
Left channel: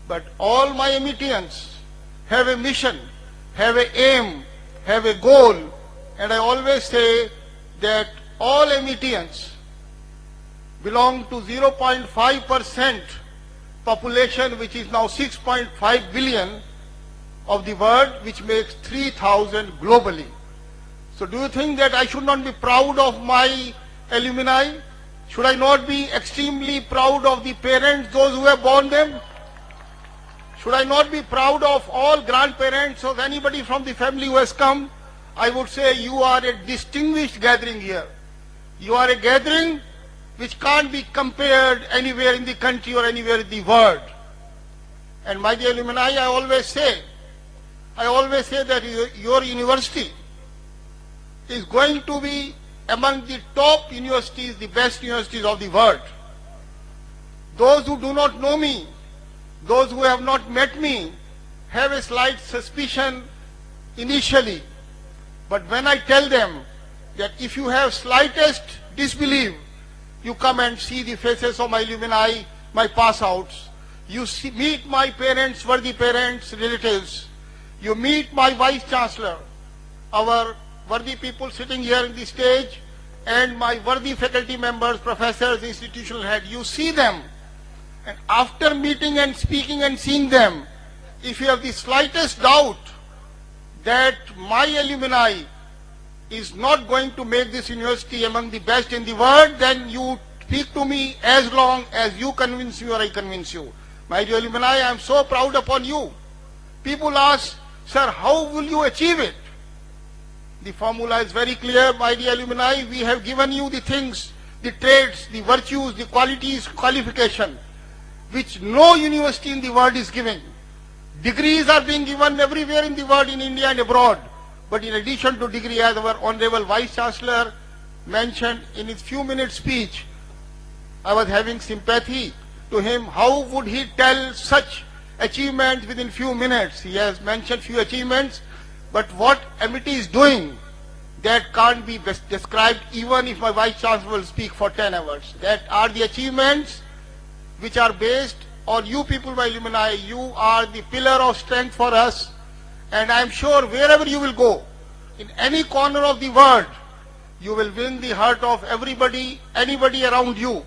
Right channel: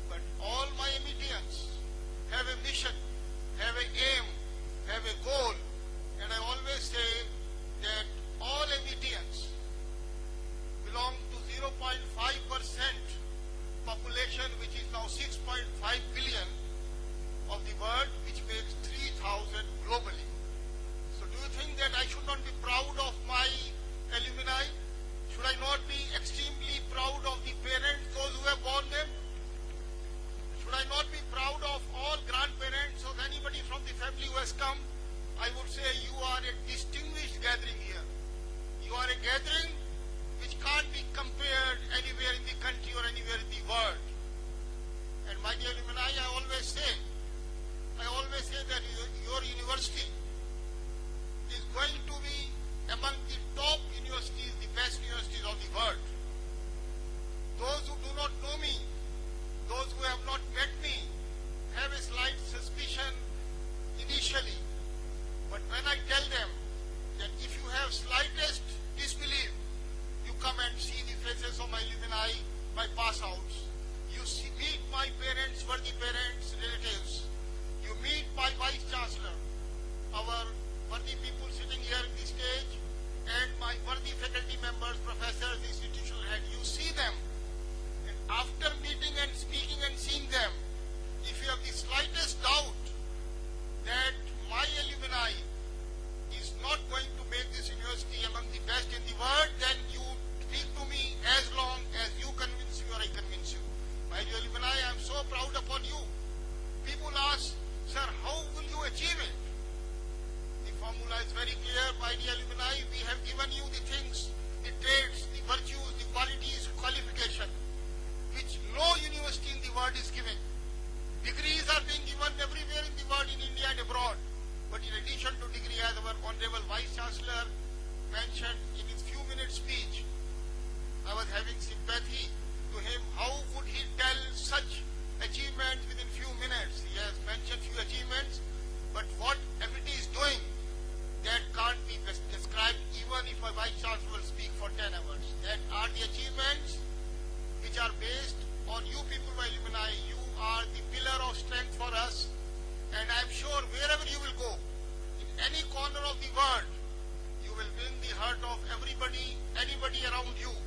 But all my Amitians have a mission, have an aim, have a goal, and I always say that all Amitians belong to 0.5% population, which is now 6.5 billion of the world, which makes 3,000 globally. So do you think that I should not be proud of my alumni? Should I not be extremely proud of the parents, those who have born them? Should I not be proud of all grandparents, of anybody from the family who has come? I would say you are a distinguished gathering here. You are a gathering which can't be compared anywhere in the country or anywhere in the world. And my dear alumni, I always say that your university is going to be among the top universities, the best universities of the world. Those who do not know me, those who have not met me, have a slight suspicion initially. But when I tell them that if you have slightest disbelief, you come and see the faces of my alumni, my pass-outs. You meet my parents, worthy parents, relatives. You meet my Vice Chancellor, our worthy people sitting here in the stage, and my worthy faculty members, professors, institutional head, you see them, and after meeting and speaking and seeing them, if you have the slightest doubt that my alumni is not going to make this university among the best in the world, then you speak to me as long as you convince me or I convince you. My dear alumni, I am so proud upon you. People ask, sir, how will you achieve it? The formula is very clear, my dear alumni. We have given you the things, the traits, the virtues, the qualities, qualification, which no university in the world is giving. Degrees are being given everywhere in the world, in India and abroad. But in addition to degree, as our Honorable Vice Chancellor mentioned in his few minutes speech, I was having sympathy to him. How would he tell such achievements within few minutes? He has mentioned few achievements, but what MIT is doing, that can't be described even if my Vice Chancellor will speak for 10 hours. That are the achievements which are based on you people, my alumni. You are the pillar of strength for us, and I am sure wherever you will go, in any corner of the world, you will win the heart of everybody, anybody around you.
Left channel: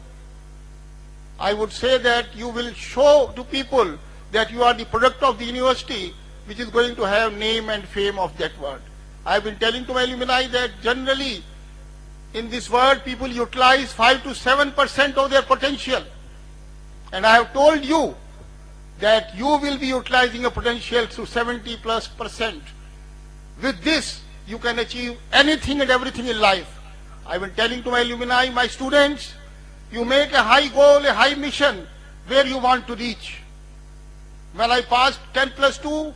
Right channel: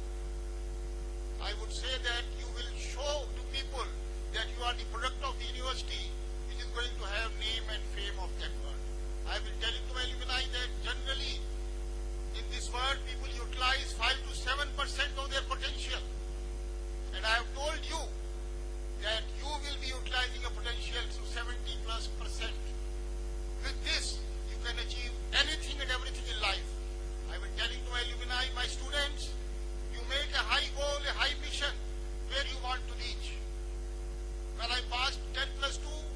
I would say that you will show to people that you are the product of the university, which is going to have name and fame of that world. I have been telling to my alumni that generally in this world people utilize 5 to 7% of their potential. And I have told you that you will be utilizing your potential to 70+%. With this, you can achieve anything and everything in life. I have been telling to my alumni, my students, you make a high goal, a high mission where you want to reach. When I passed 10+2,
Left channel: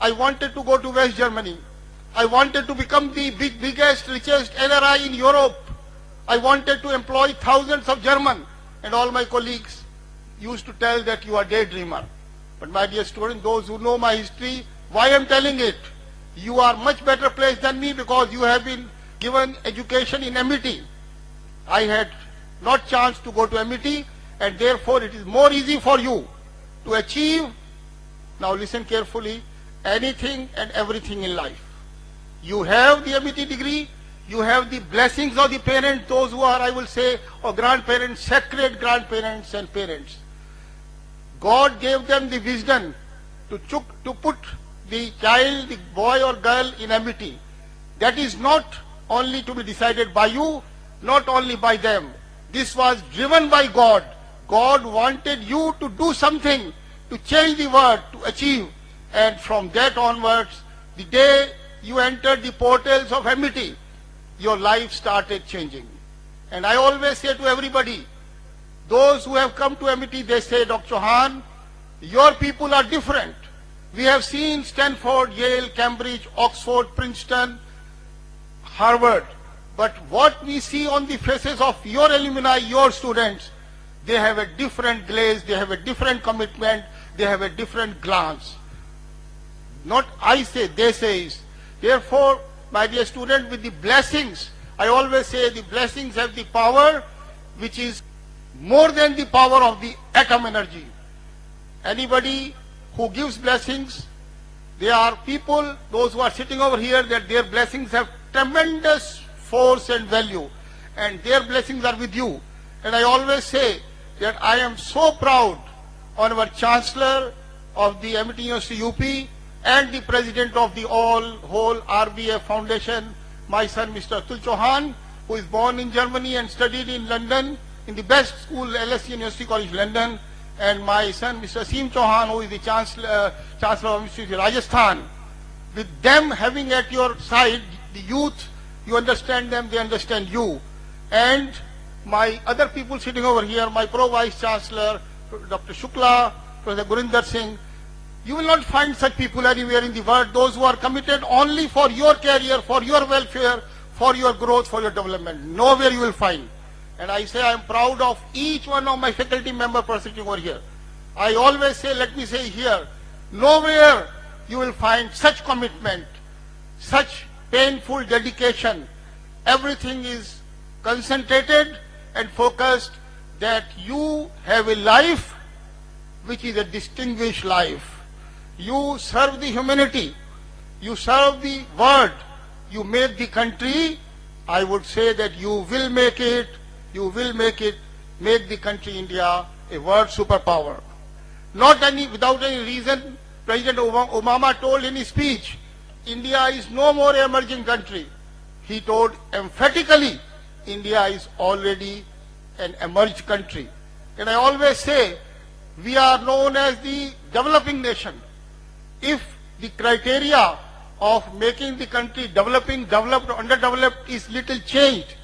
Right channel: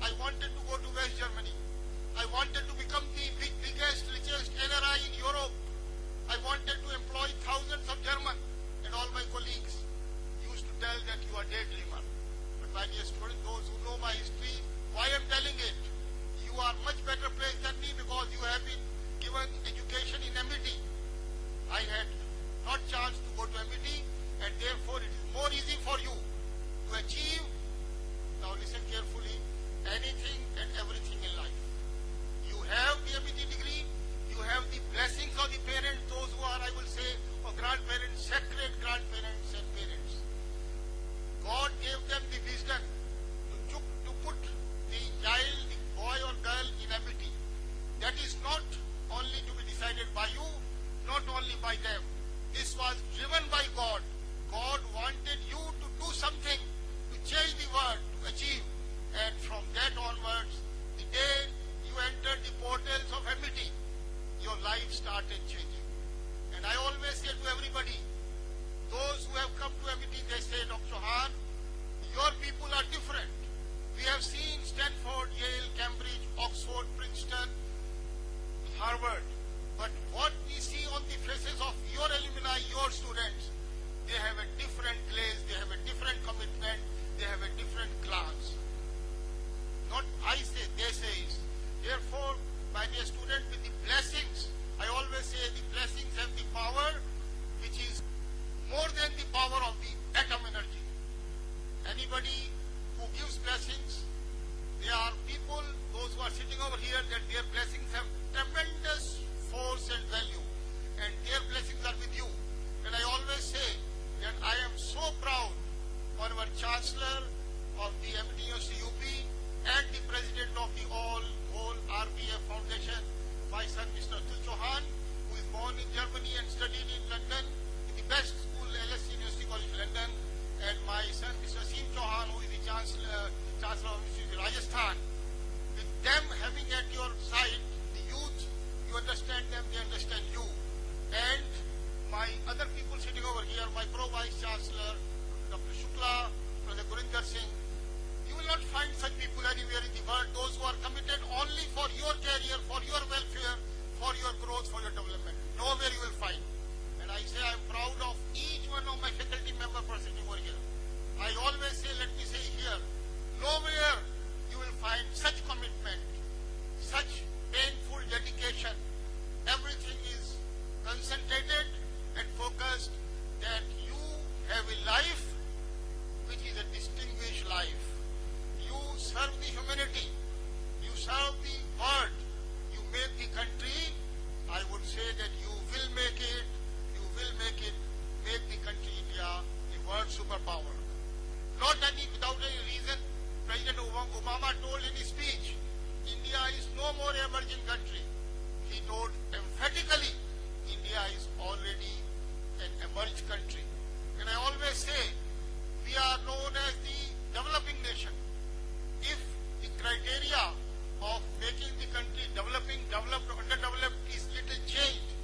I wanted to go to West Germany. I wanted to become the biggest, richest NRI in Europe. I wanted to employ thousands of German, and all my colleagues used to tell that you are a daydreamer. But my dear students, those who know my history, why I am telling it? You are much better placed than me because you have been given education in MIT. I had not chance to go to MIT, and therefore it is more easy for you to achieve, now listen carefully, anything and everything in life. You have the MIT degree, you have the blessings of the parents, those who are, I will say, or grandparents, sacred grandparents and parents. God gave them the wisdom to put the child, the boy or girl in MIT. That is not only to be decided by you, not only by them. This was driven by God. God wanted you to do something, to change the world, to achieve. And from that onwards, the day you entered the portals of MIT, your life started changing. And I always say to everybody, those who have come to MIT, they say, Dr. Chauhan, your people are different. We have seen Stanford, Yale, Cambridge, Oxford, Princeton, Harvard. But what we see on the faces of your alumni, your students, they have a different glaze, they have a different commitment, they have a different glance. Not I say, they say. Therefore, my dear student, with the blessings, I always say the blessings have the power which is more than the power of the atom energy. Anybody who gives blessings, they are people, those who are sitting over here, that their blessings have tremendous force and value, and their blessings are with you. And I always say that I am so proud on our Chancellor of the MIT University UP and the President of the whole RBF Foundation, my son Mr. Atul Chauhan, who is born in Germany and studied in London, in the best school, LSE University College London, and my son Mr. Aseem Chauhan, who is the Chancellor of University of Rajasthan. With them having at your side the youth, you understand them, they understand you. And my other people sitting over here, my Pro-Vice Chancellor, Dr. Shukla, Professor Gurinder Singh, you will not find such people anywhere in the world, those who are committed only for your career, for your welfare, for your growth, for your development. Nowhere you will find. And I say I am proud of each one of my faculty members sitting over here. I always say, let me say here, nowhere you will find such commitment, such painful dedication. Everything is concentrated and focused that you have a life which is a distinguished life. You serve the humanity, you serve the world, you make the country I would say that you will make it, make the country India a world superpower. Without any reason, President Obama told in his speech, India is no more an emerging country. He told emphatically, India is already an emerged country. And I always say, we are known as the developing nation. If the criteria of making the country developing, developed, or underdeveloped is little changed,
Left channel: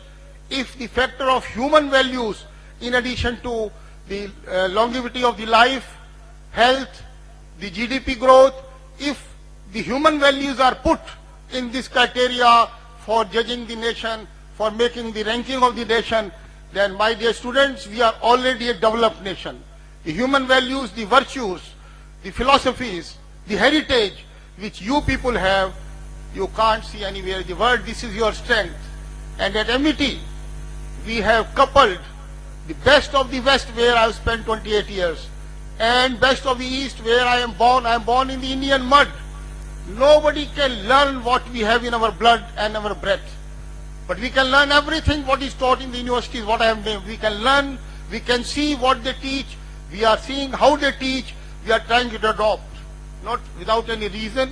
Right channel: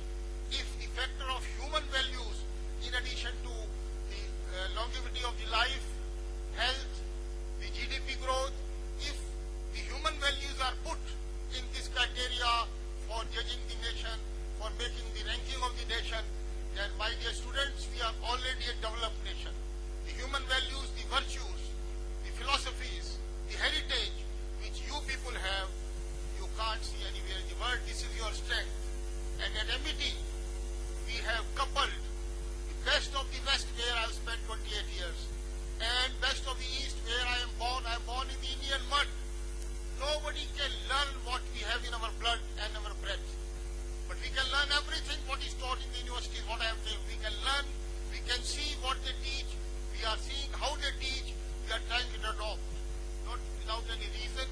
if the factor of human values, in addition to the longevity of the life, health, the GDP growth, if the human values are put in this criteria for judging the nation, for making the ranking of the nation, then my dear students, we are already a developed nation. The human values, the virtues, the philosophies, the heritage which you people have, you can't see anywhere in the world. This is your strength. And at MIT, we have coupled the best of the West, where I have spent 28 years, and best of the East, where I am born in the Indian mud. Nobody can learn what we have in our blood and our breath. But we can learn everything what is taught in the universities, what I have named. We can learn, we can see what they teach, we are seeing how they teach, we are trying to adopt. Not without any reason,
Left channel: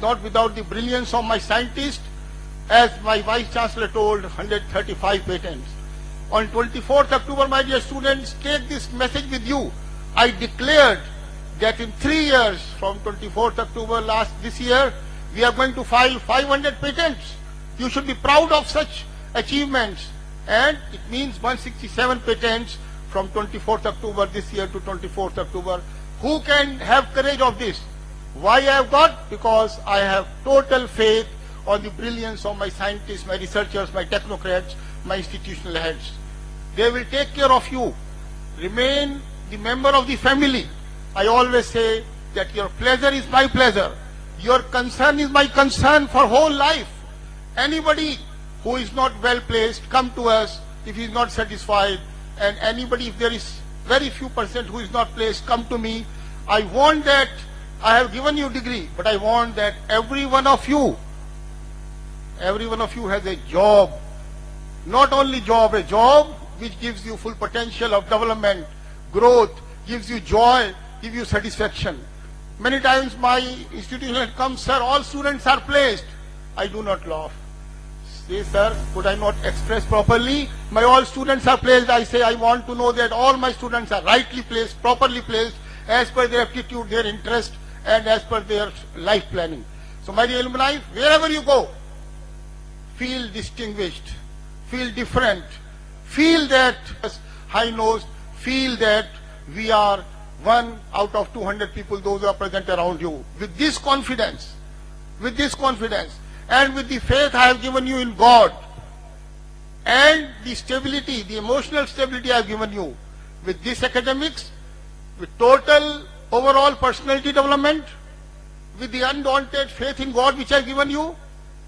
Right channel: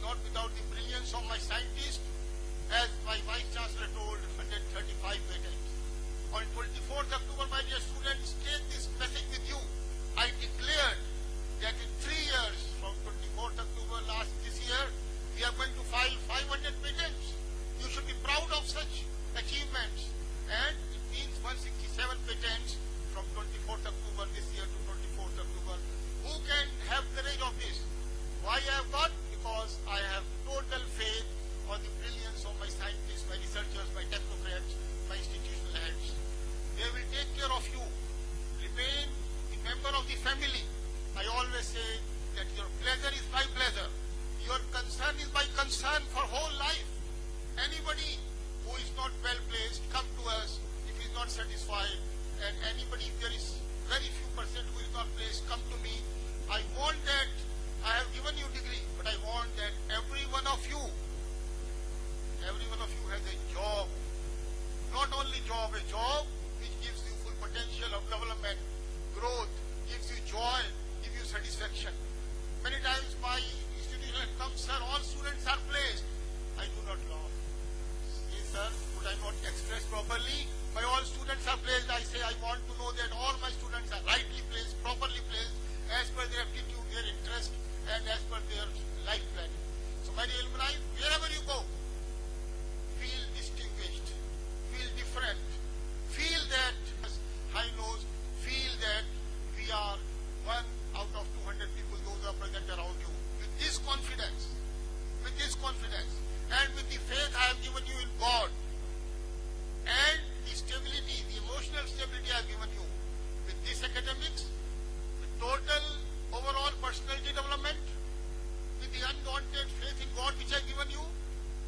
not without the brilliance of my scientists. As my Vice Chancellor told, 135 patents. On 24th October, my dear students, take this message with you. I declared that in 3 years, from 24th October this year, we are going to file 500 patents. You should be proud of such achievements. And it means 167 patents from 24th October this year to 24th October. Who can have courage of this? Why I have got? Because I have total faith on the brilliance of my scientists, my researchers, my technocrats, my institutional heads. They will take care of you. Remain the member of the family. I always say that your pleasure is my pleasure. Your concern is my concern for whole life. Anybody who is not well placed, come to us if he is not satisfied. And anybody, if there is very few percent who is not placed, come to me. I want that, I have given you degree, but I want that every one of you has a job. Not only job, a job which gives you full potential of development, growth, gives you joy, gives you satisfaction. Many times my institution comes, sir, all students are placed. I do not laugh. Say, sir, could I not express properly? My all students are placed. I say, I want to know that all my students are rightly placed, properly placed, as per their aptitude, their interest, and as per their life planning. So my dear alumni, wherever you go, feel distinguished, feel different, feel that high-nosed, feel that we are one out of 200 people, those who are present around you. With this confidence, and with the faith I have given you in God, and the stability, the emotional stability I have given you, with this academics, with total overall personality development, with the undaunted faith in God which I have given you,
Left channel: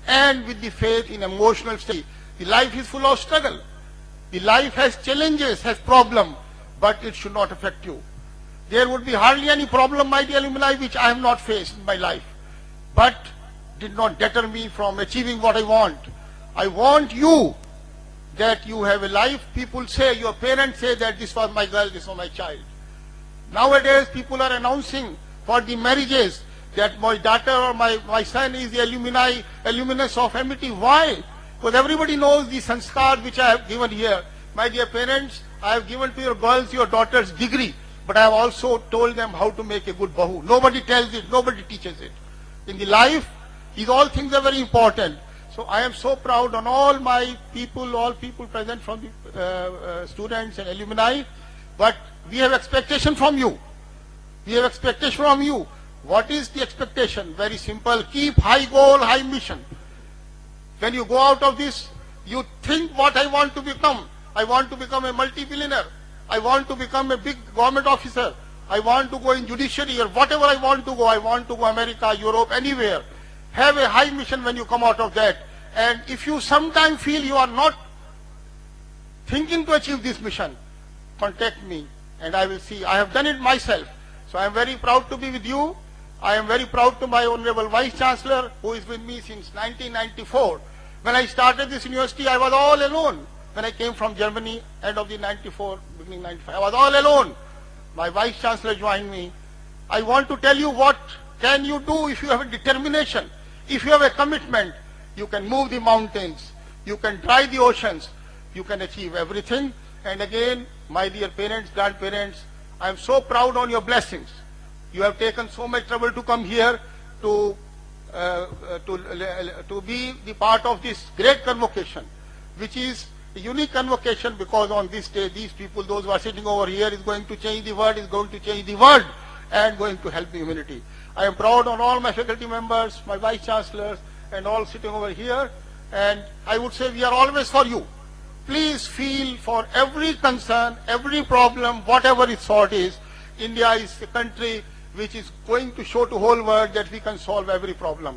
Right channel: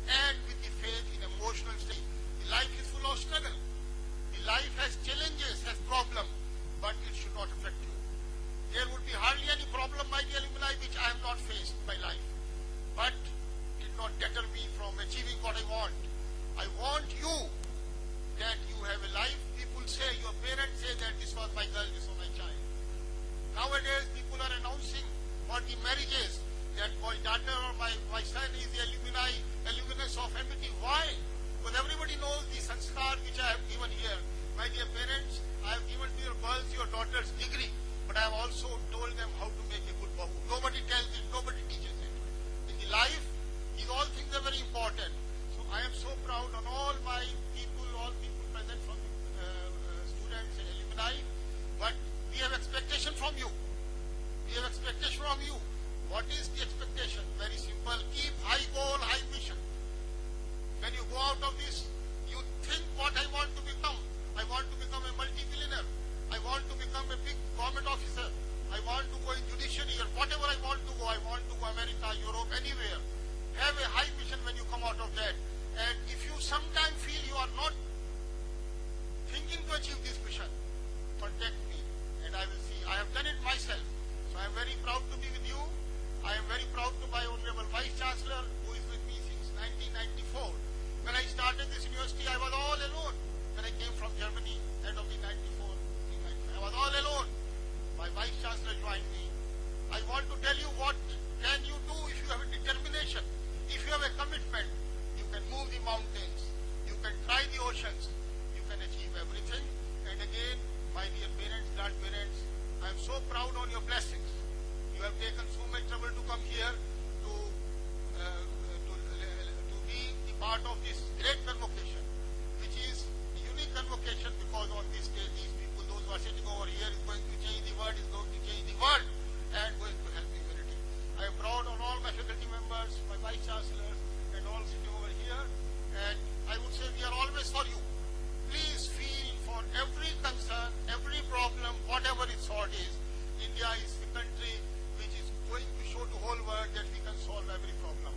and with the faith in emotional stability. The life is full of struggle. The life has challenges, has problems, but it should not affect you. There would be hardly any problem, my dear alumni, which I have not faced in my life, but did not deter me from achieving what I want. I want you, that you have a life. People say, your parents say that this was my girl, this was my child. Nowadays, people are announcing for the marriages that my daughter or my son is the alumnus of MIT. Why? Because everybody knows the sanskar which I have given here. My dear parents, I have given to your girls, your daughters degree, but I have also told them how to make a good bahu. Nobody tells it, nobody teaches it. In the life, these all things are very important. So I am so proud on all my people, all people present from the students and alumni. But we have expectation from you. What is the expectation? Very simple. Keep high goal, high mission. When you go out of this, you think what I want to become. I want to become a multi-billionaire. I want to become a big government officer. I want to go in judiciary or whatever I want to go. I want to go America, Europe, anywhere. Have a high mission when you come out of that. And if you sometime feel you are not thinking to achieve this mission, contact me and I will see. I have done it myself. So I am very proud to be with you. I am very proud to my Honorable Vice Chancellor, who is with me since 1994. When I started this university, I was all alone. When I came from Germany, end of the 94, beginning 95, I was all alone. My Vice Chancellor joined me. I want to tell you what can you do if you have a determination, if you have a commitment. You can move the mountains, you can dry the oceans, you can achieve everything. And again, my dear parents, grandparents, I am so proud on your blessings. You have taken so much trouble to come here to be the part of this great convocation, which is a unique convocation, because on this day, these people, those who are sitting over here, is going to change the world, and going to help the humanity. I am proud on all my faculty members, my vice chancellors, and all sitting over here. And I would say we are always for you. Please feel for every concern, every problem, whatever its sort is. India is a country which is going to show to whole world that we can solve every problem.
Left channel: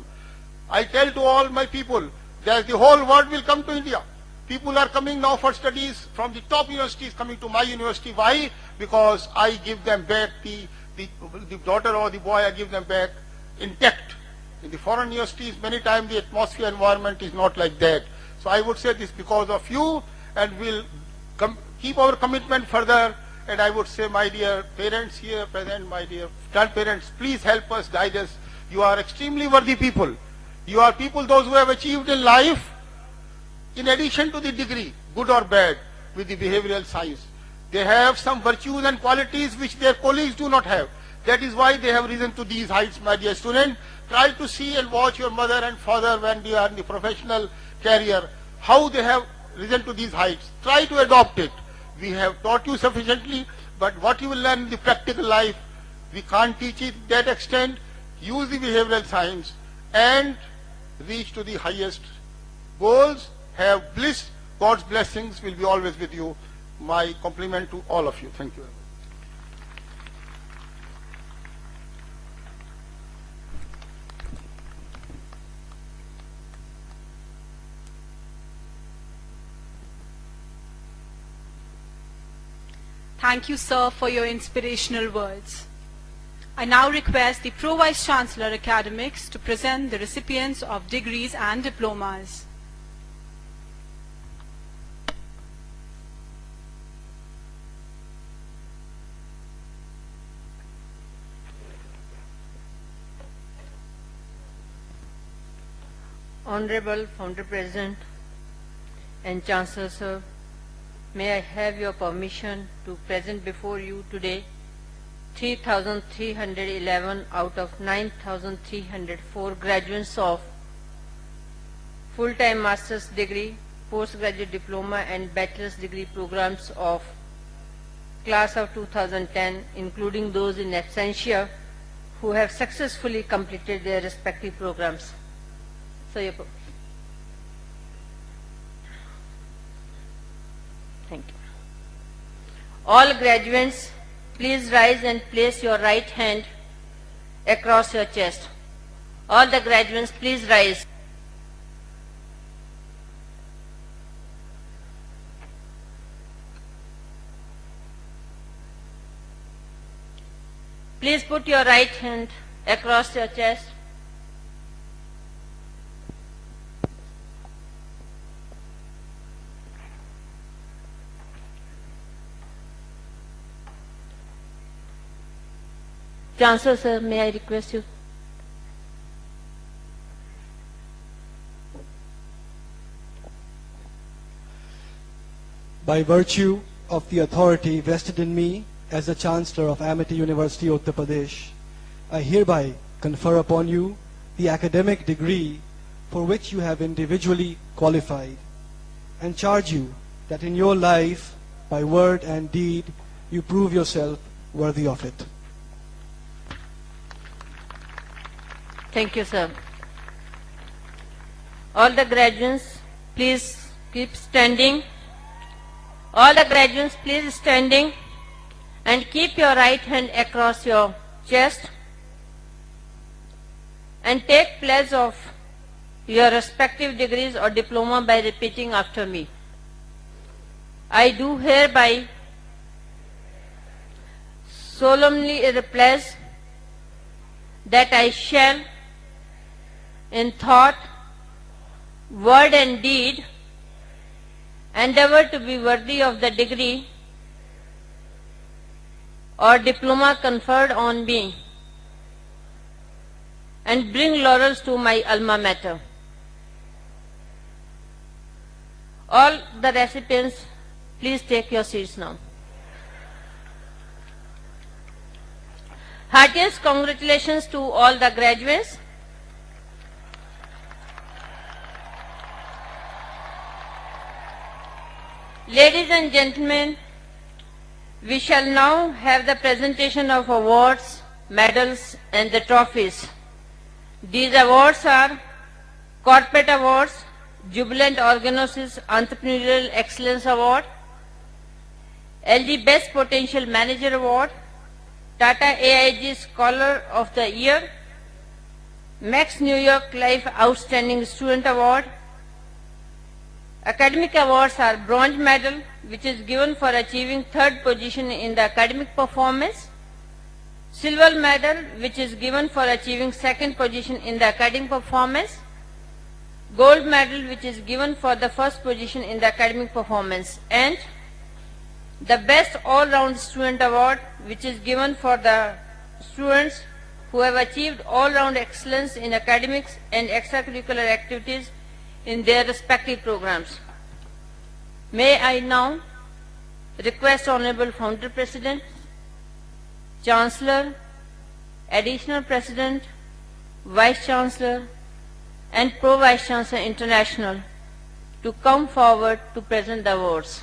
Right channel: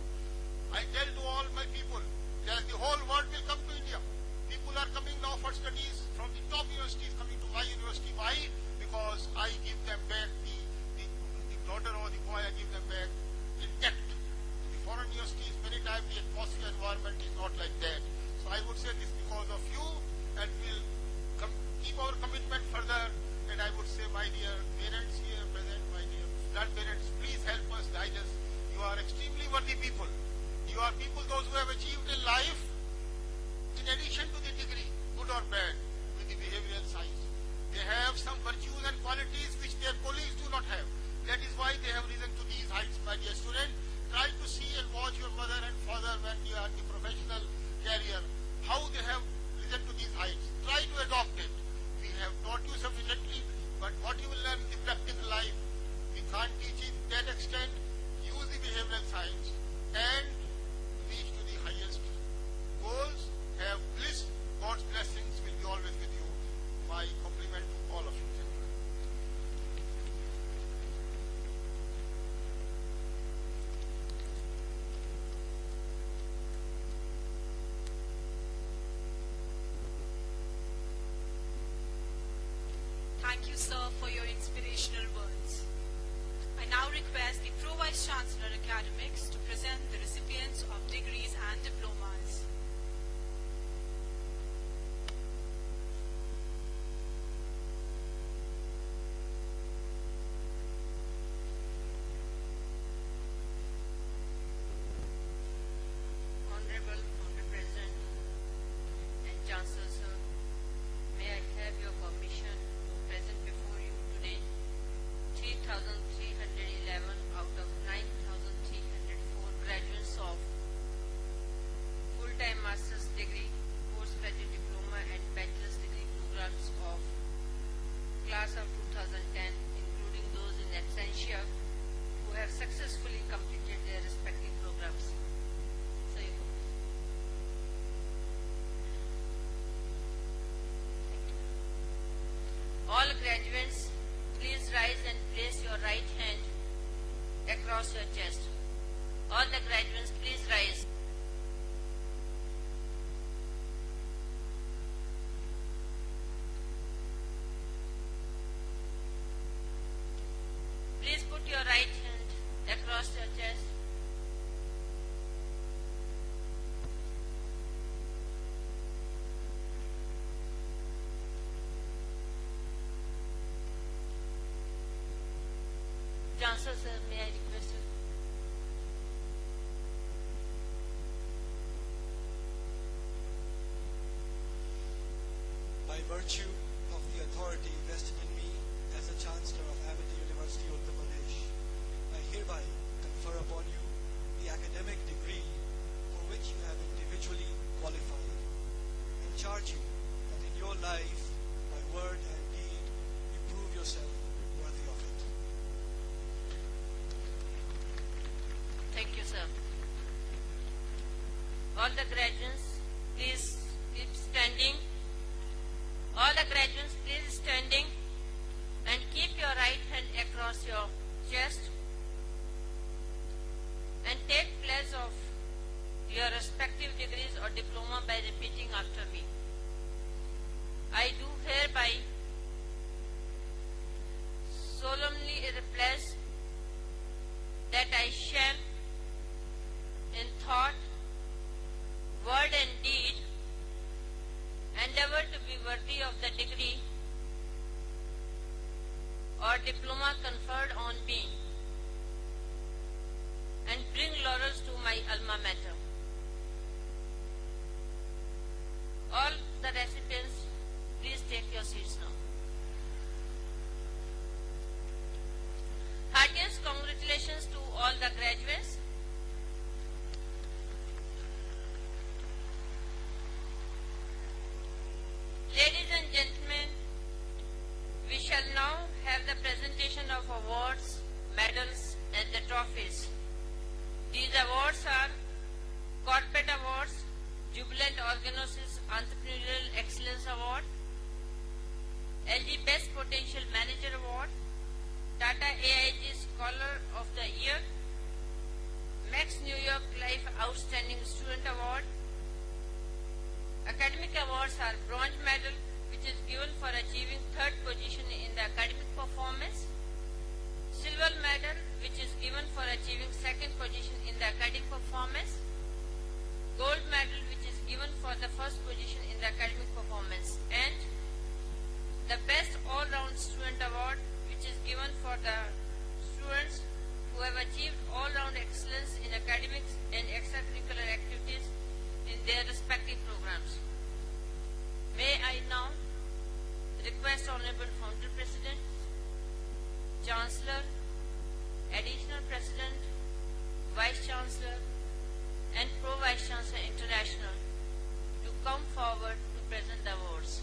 I tell to all my people that the whole world will come to India. People are coming now for studies from the top universities, coming to my university. Why? Because I give them back the daughter or the boy, I give them back intact. In the foreign universities, many times the atmosphere environment is not like that. So I would say this because of you, and we'll keep our commitment further. And I would say, my dear parents here present, my dear grandparents, please help us, guide us. You are extremely worthy people. You are people, those who have achieved in life, in addition to the degree, good or bad, with the behavioral science. They have some virtues and qualities which their colleagues do not have. That is why they have risen to these heights, my dear student. Try to see and watch your mother and father when they are in the professional career, how they have risen to these heights. Try to adopt it. We have taught you sufficiently, but what you will learn in the practical life, we can't teach it to that extent. Use the behavioral science and reach to the highest goals. Have bliss. God's blessings will be always with you. My compliment to all of you. Thank you. Thank you, sir, for your inspirational words. I now request the Pro Vice Chancellor Academics to present the recipients of degrees and diplomas. Honorable Founder President and Chancellor Sir, may I have your permission to present before you today 3,311 out of 9,304 graduates of full-time master's degree, postgraduate diploma and bachelor's degree programs of class of 2010, including those in absentia who have successfully completed their respective programs. So, thank you. All graduates, please rise and place your right hand across your chest. All the graduates, please rise. Please put your right hand across your chest. Chancellor, sir, may I request you? By virtue of the authority vested in me as the Chancellor of Amity University, Uttar Pradesh, I hereby confer upon you the academic degree for which you have individually qualified, and charge you that in your life, by word and deed, you prove yourself worthy of it. Thank you, sir. All the graduates, please keep standing. All the graduates, please standing and keep your right hand across your chest and take pledge of your respective degrees or diploma by repeating after me. I do hereby solemnly pledge that I shall, in thought, word and deed, endeavor to be worthy of the degree or diploma conferred on me, and bring laurels to my alma mater. All the recipients, please take your seats now. Heartiest congratulations to all the graduates. Ladies and gentlemen, we shall now have the presentation of awards, medals and the trophies. These awards are Corporate Awards, Jubilant Organosis Entrepreneurial Excellence Award, LG Best Potential Manager Award, Tata AIG Scholar of the Year, Max New York Life Outstanding Student Award. Academic awards are Bronze Medal, which is given for achieving 3rd position in the academic performance, Silver Medal, which is given for achieving 2nd position in the academic performance, Gold Medal, which is given for the 1st position in the academic performance, and the Best All-Round Student Award, which is given for the students who have achieved all-round excellence in academics and extracurricular activities in their respective programs. May I now request Honorable Founder President, Chancellor, Additional President, Vice Chancellor and Pro Vice Chancellor International to come forward to present the awards.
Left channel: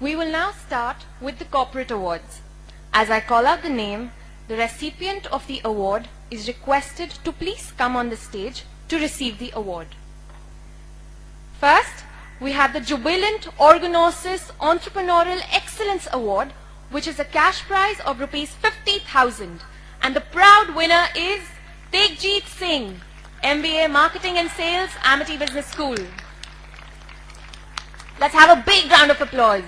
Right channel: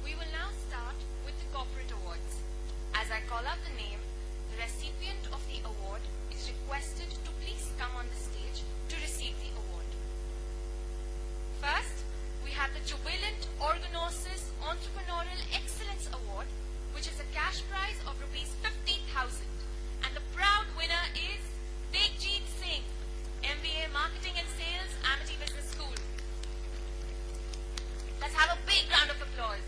We will now start with the corporate awards. As I call out the name, the recipient of the award is requested to please come on the stage to receive the award. First, we have the Jubilant Organosis Entrepreneurial Excellence Award, which is a cash prize of rupees 50,000, and the proud winner is Tegjit Singh, MBA Marketing and Sales, Amity Business School. Let's have a big round of applause.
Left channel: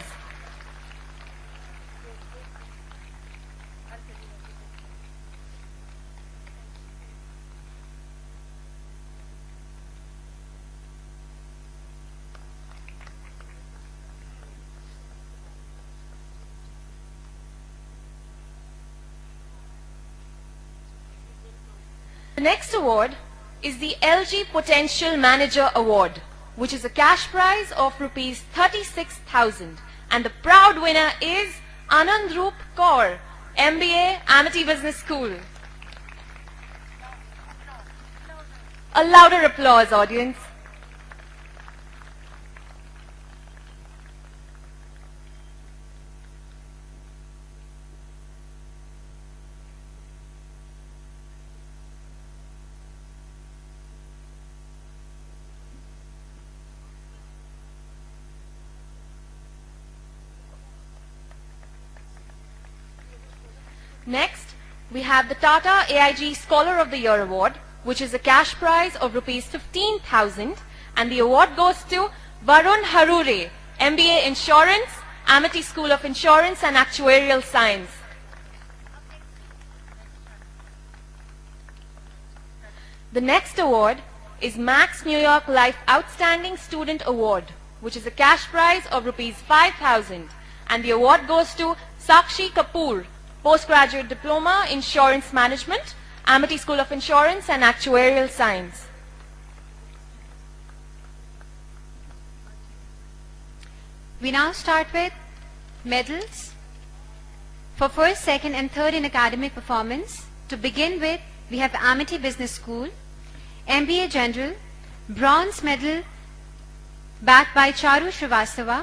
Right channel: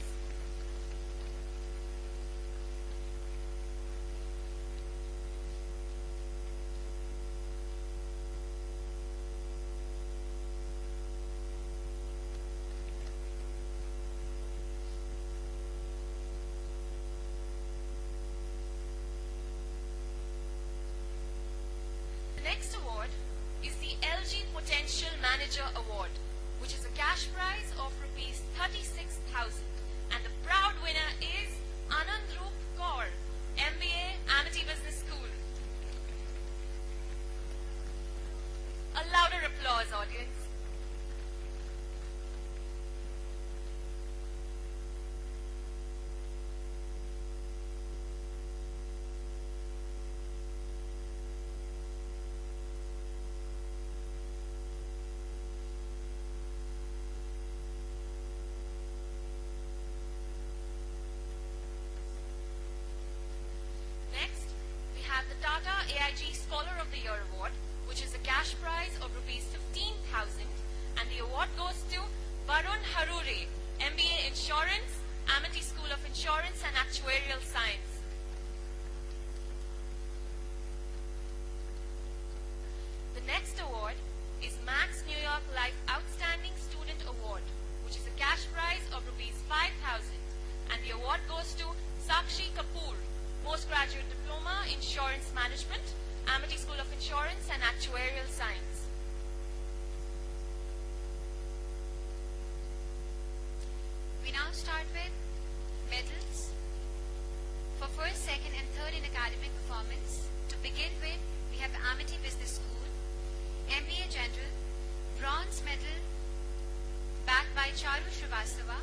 The next award is the LG Potential Manager Award, which is a cash prize of rupees 36,000, and the proud winner is Anand Roop Kaur, MBA Amity Business School. A louder applause, audience. Next, we have the Tata AIG Scholar of the Year Award, which is a cash prize of rupees 15,000, and the award goes to Varun Harure, MBA Insurance, Amity School of Insurance and Actuarial Science. The next award is Max New York Life Outstanding Student Award, which is a cash prize of rupees 5,000, and the award goes to Sakshi Kapoor, Postgraduate Diploma, Insurance Management, Amity School of Insurance and Actuarial Science. We now start with medals for first, second and third in academic performance. To begin with, we have Amity Business School, MBA General, bronze medal backed by Charu Srivastava,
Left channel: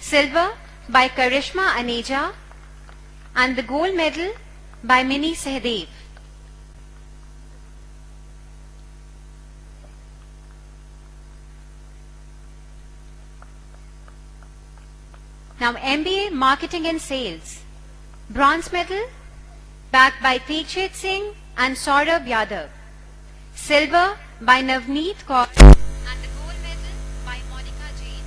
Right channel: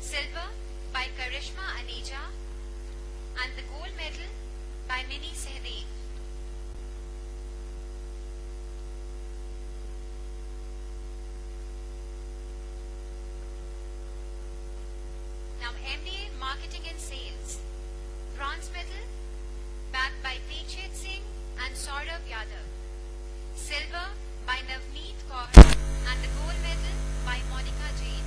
silver by Karishma Aneja, and the gold medal by Mini Sehdev. Now MBA Marketing and Sales, bronze medal backed by Teekshit Singh and Saurabh Yadav, silver by Navneet Kaur and the gold medal by Monica Jain.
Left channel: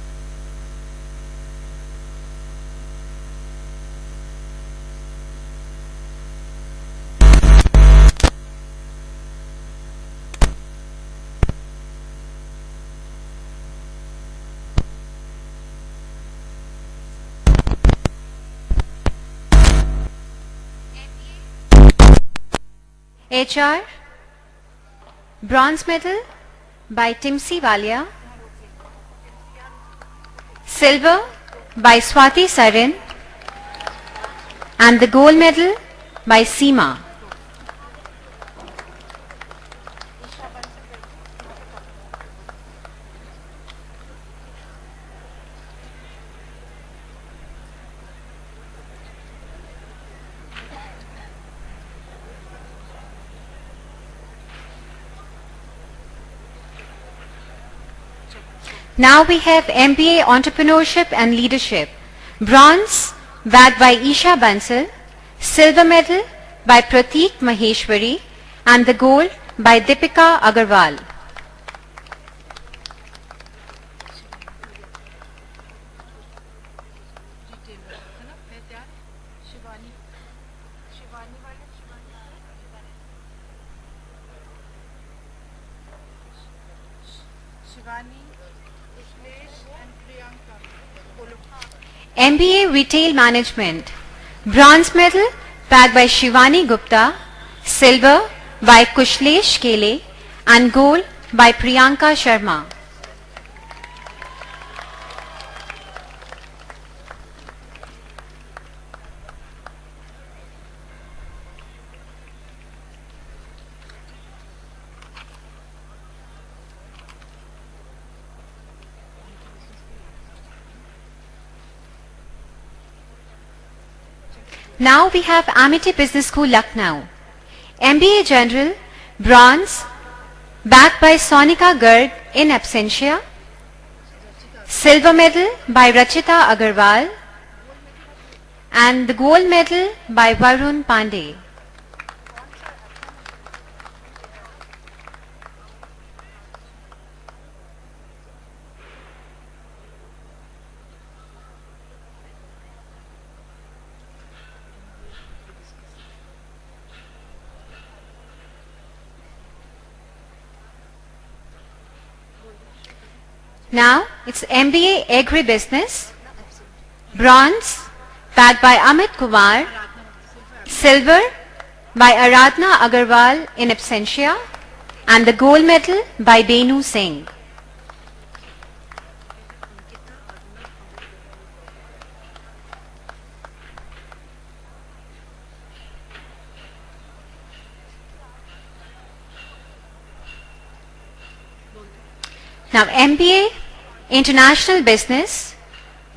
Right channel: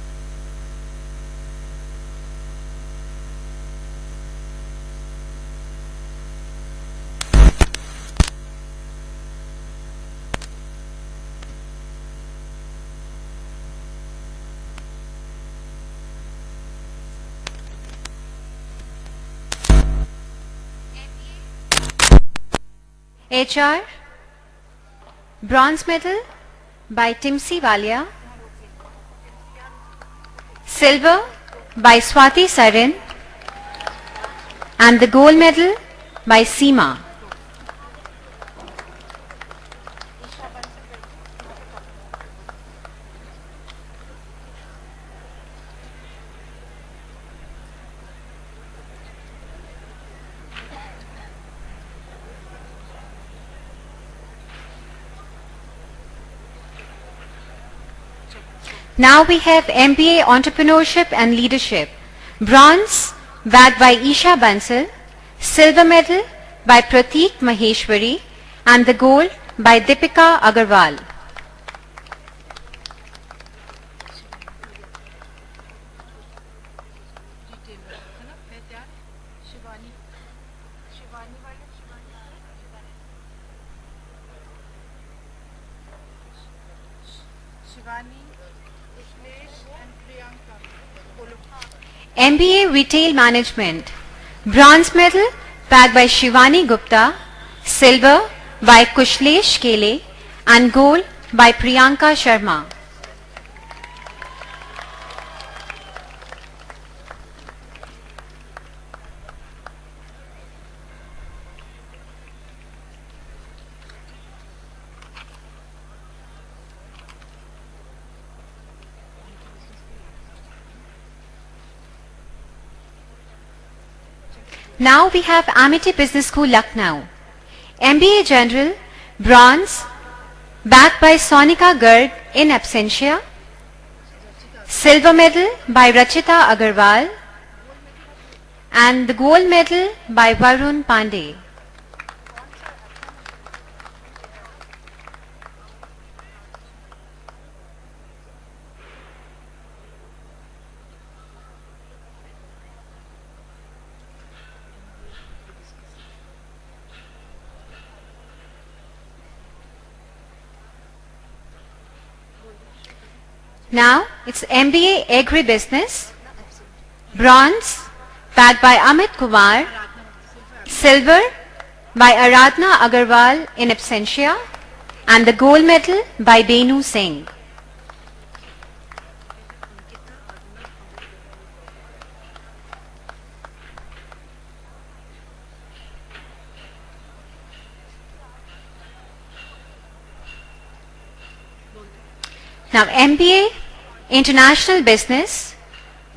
HR, bronze medal by Timsi Walia, silver by Swati Sarin and the gold medal by Seema. Now we have MBA Entrepreneurship and Leadership, bronze backed by Isha Bansal, silver medal by Prateek Maheshwari and the gold by Deepika Agarwal. MBA Retail Management, bronze medal backed by Shivani Gupta, silver by Kushlesh Kele and gold by Priyanka Sharma. Now we have Amity Business School, Lucknow. MBA General, bronze, backed by Sonika Garg in absentia, silver medal by Rachita Agarwal, and the gold medal by Varun Pandey. Now it's MBA Agribusiness, bronze backed by Amit Kumar, silver by Aradhna Agarwal in absentia and the gold medal by Benu Singh. Now MBA International Business,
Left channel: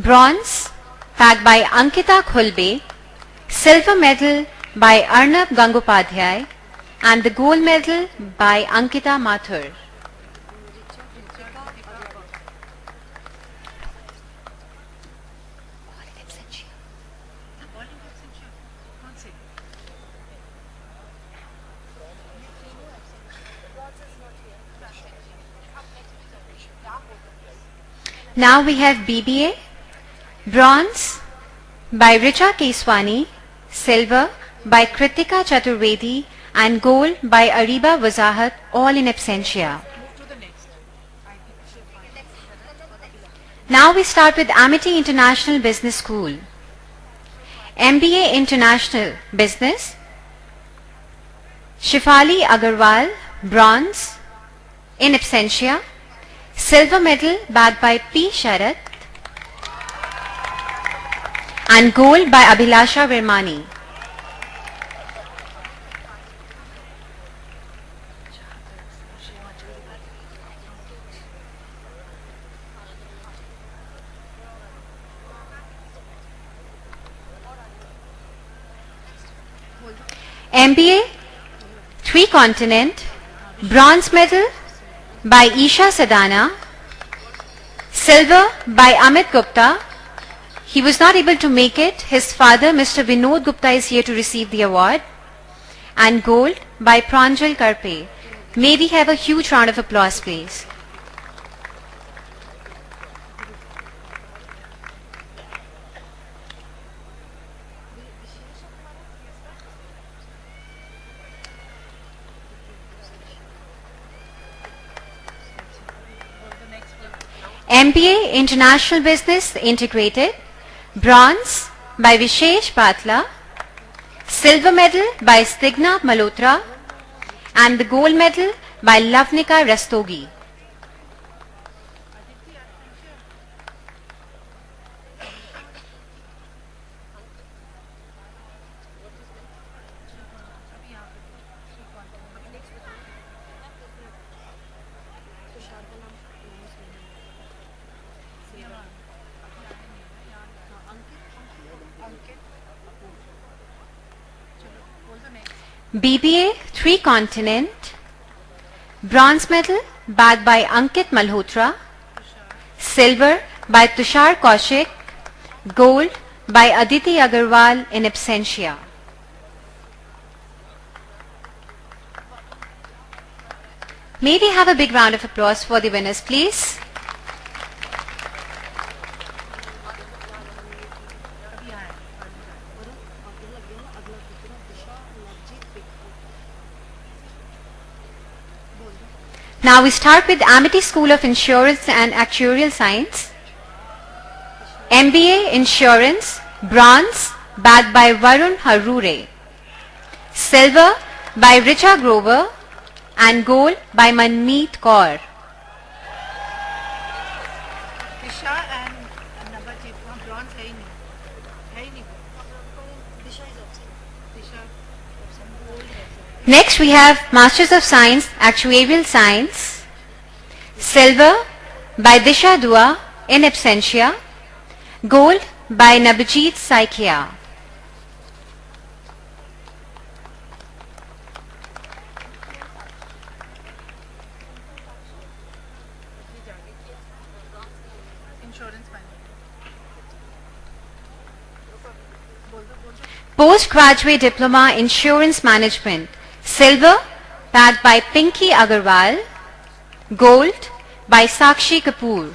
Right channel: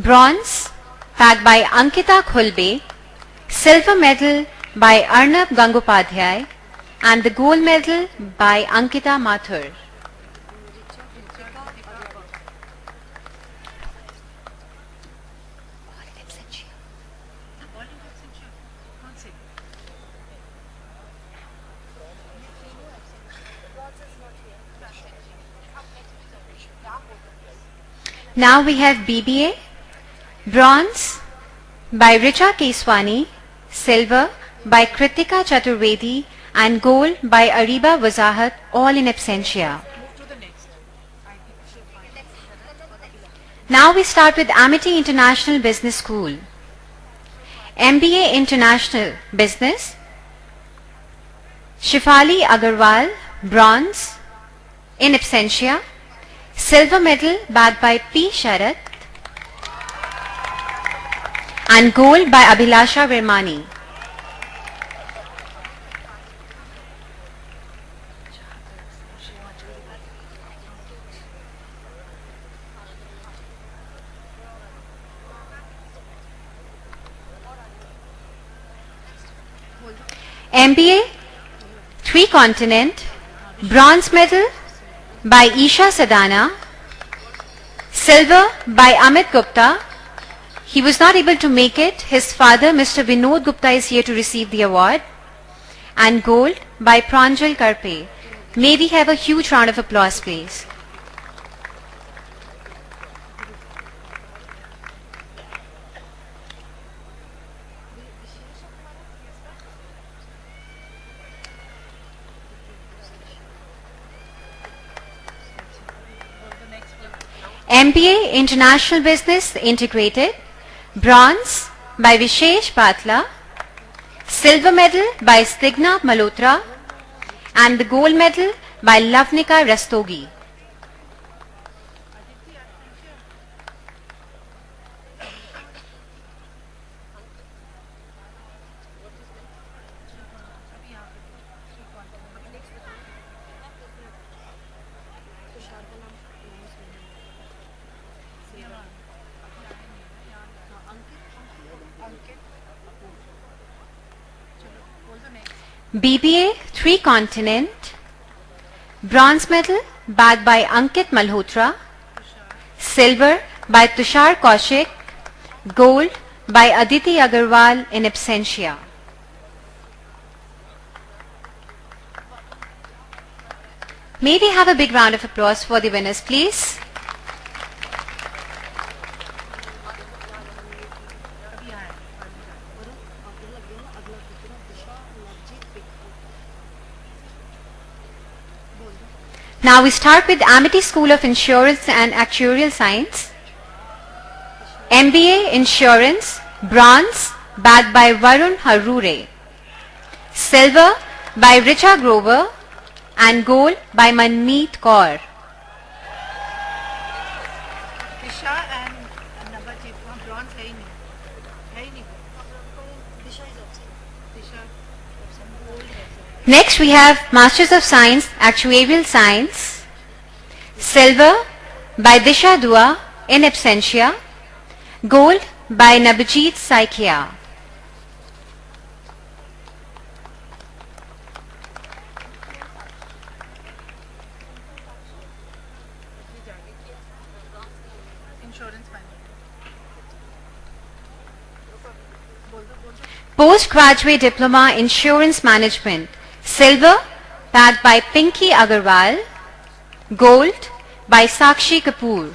bronze backed by Ankita Khulbe, silver medal by Arnab Gangopadhyay and the gold medal by Ankita Mathur. Now we have BBA, bronze by Richa Keswani, silver by Kritika Chaturvedi and gold by Ariba Wazahat, all in absentia. Now we start with Amity International Business School. MBA International Business, Shifali Agarwal, bronze, in absentia, silver medal backed by P. Sharath and gold by Abhilasha Virmani. MBA 3 Continent, bronze medal by Isha Sadana, silver by Amit Gupta. He was not able to make it. His father, Mr. Vinod Gupta, is here to receive the award. And gold by Pranjal Karpe. May we have a huge round of applause, please. MBA International Business Integrated, bronze by Vishesh Patla, silver medal by Stigna Malhotra, and the gold medal by Lavnika Rastogi. BBA 3 Continent, bronze medal bagged by Ankit Malhotra, silver by Tushar Kaushik, gold by Aditi Agarwal in absentia. May we have a big round of applause for the winners, please? Now we start with Amity School of Insurance and Actuarial Science. MBA Insurance, bronze, bagged by Varun Harure. Silver by Richa Grover and gold by Manmeet Kaur. Disha and Nabajit, bronze है ही नहीं. Disha is absent. Next we have Masters of Science, Actuarial Science. Silver by Disha Dua in absentia. Gold by Nabajit Saikia. Postgraduate Diploma Insurance Management. Silver bagged by Pinky Agarwal. Gold by Sakshi Kapoor.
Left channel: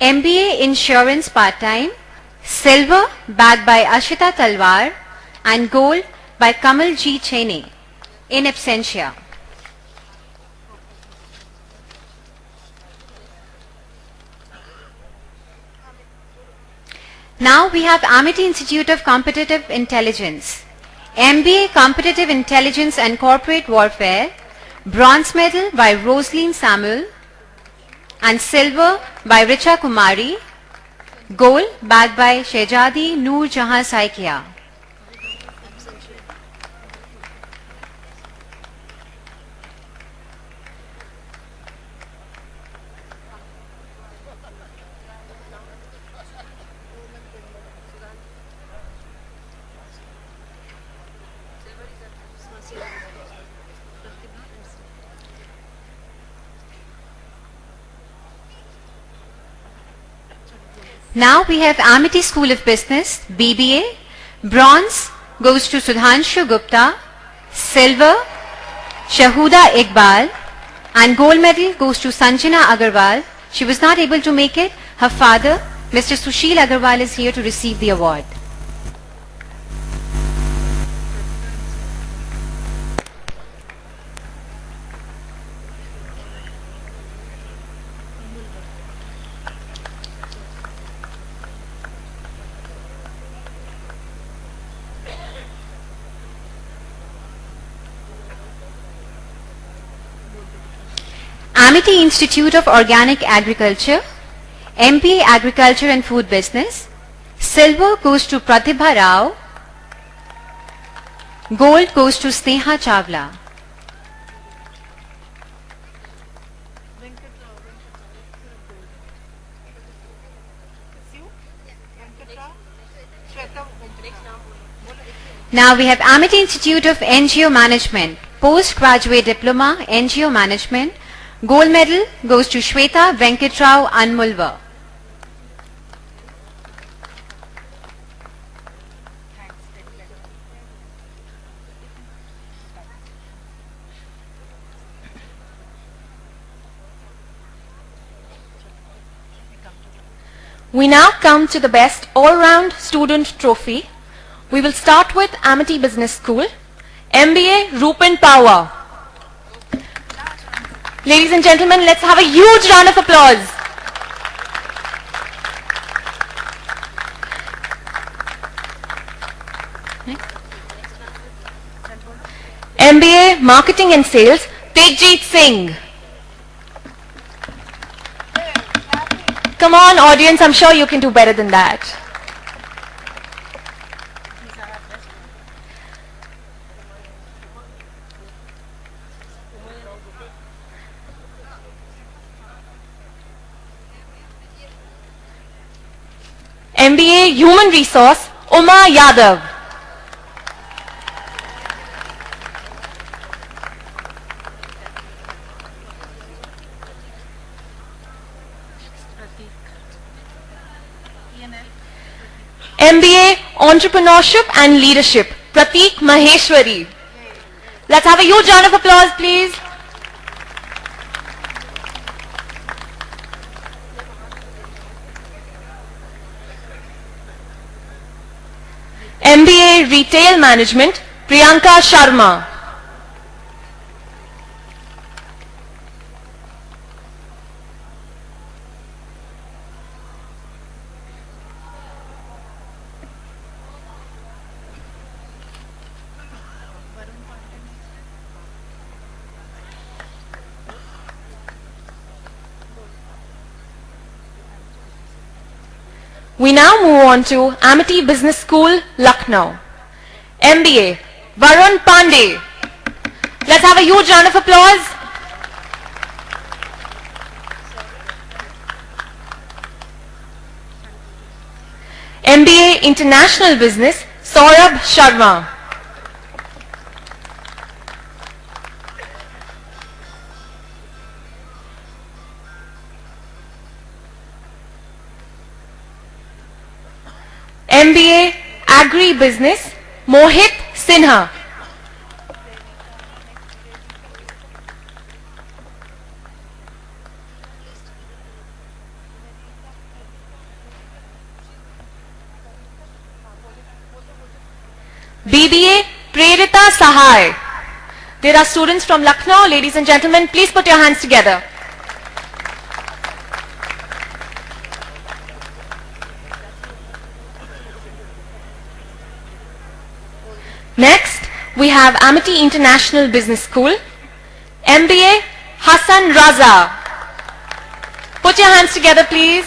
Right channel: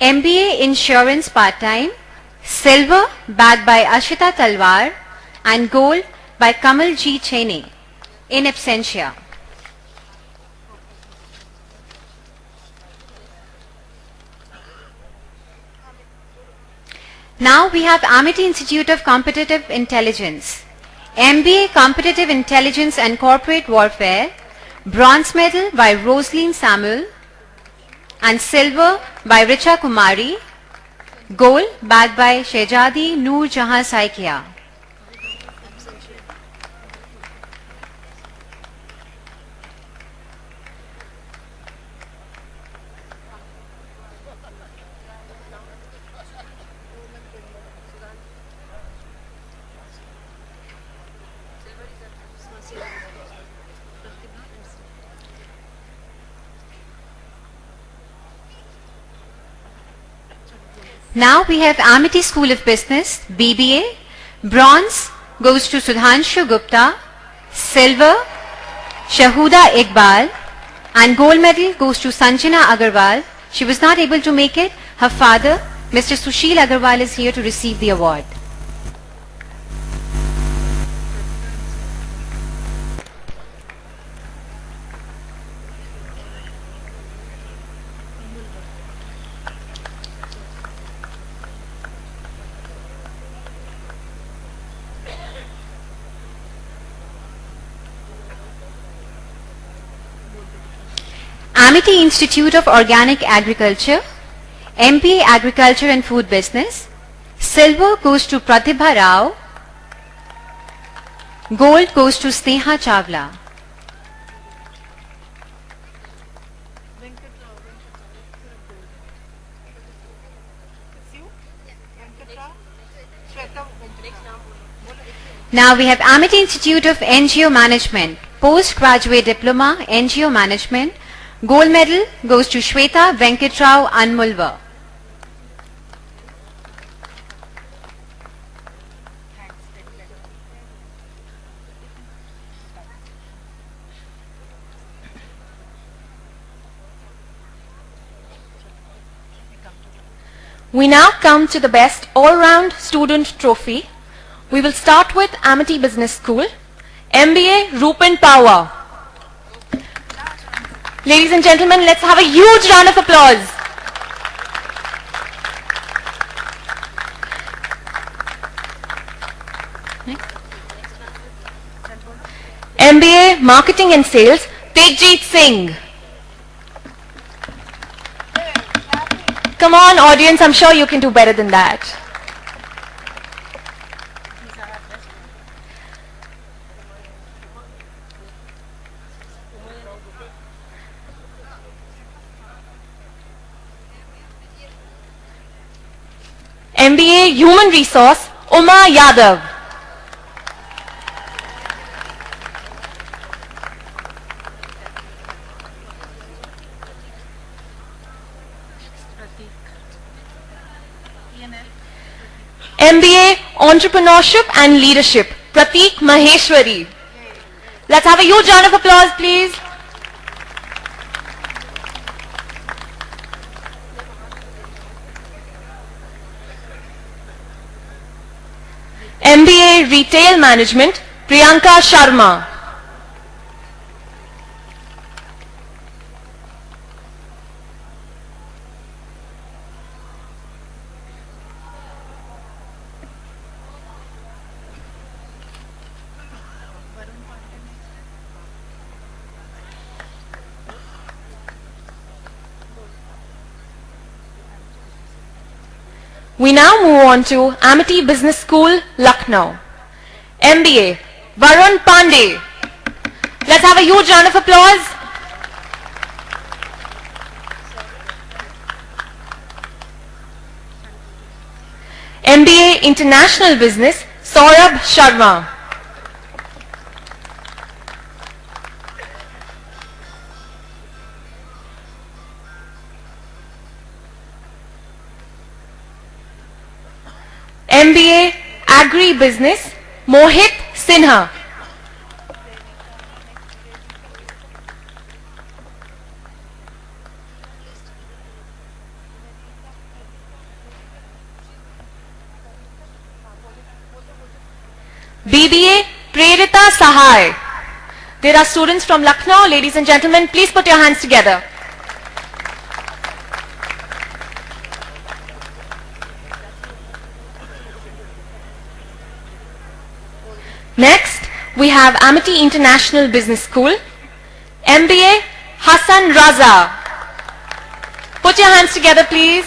MBA Insurance Part-Time, silver bagged by Ashita Talwar and gold by Kamal G. Cheney in absentia. Now we have Amity Institute of Competitive Intelligence. MBA Competitive Intelligence and Corporate Warfare, bronze medal by Rosaline Samuel and silver by Richa Kumari, gold bagged by Shehzadi Noor Jahan Saikia. Now we have Amity School of Business, BBA. Bronze goes to Sudhanshu Gupta, silver Shahuda Iqbal, and gold medal goes to Sanjana Agarwal. She was not able to make it. Her father, Mr. Sushil Agarwal, is here to receive the award. Amity Institute of Organic Agriculture, MBA Agriculture and Food Business, Silver goes to Pratibha Rao. Gold goes to Sneha Chawla. Now we have Amity Institute of NGO Management, Postgraduate Diploma, NGO Management. Gold medal goes to Shweta Venkatrao Anmulva. We now come to the best all-round student trophy. We will start with Amity Business School, MBA Rupan Power. Ladies and gentlemen, let's have a huge round of applause. MBA Marketing and Sales, Tejjeet Singh. Come on, audience, I'm sure you can do better than that. MBA Human Resource, Uma Yadav. MBA Entrepreneurship and Leadership, Prateek Maheshwari. Let's have a huge round of applause, please. MBA Retail Management, Priyanka Sharma. We now move on to Amity Business School, Lucknow. MBA, Varun Pandey. Let's have a huge round of applause. MBA International Business, Saurabh Sharma. MBA Agri-Business, Mohit Sinha. BBA Prerita Sahai. There are students from Lucknow. Ladies and gentlemen, please put your hands together. Next, we have Amity International Business School, MBA Hassan Raza. Put your hands together, please.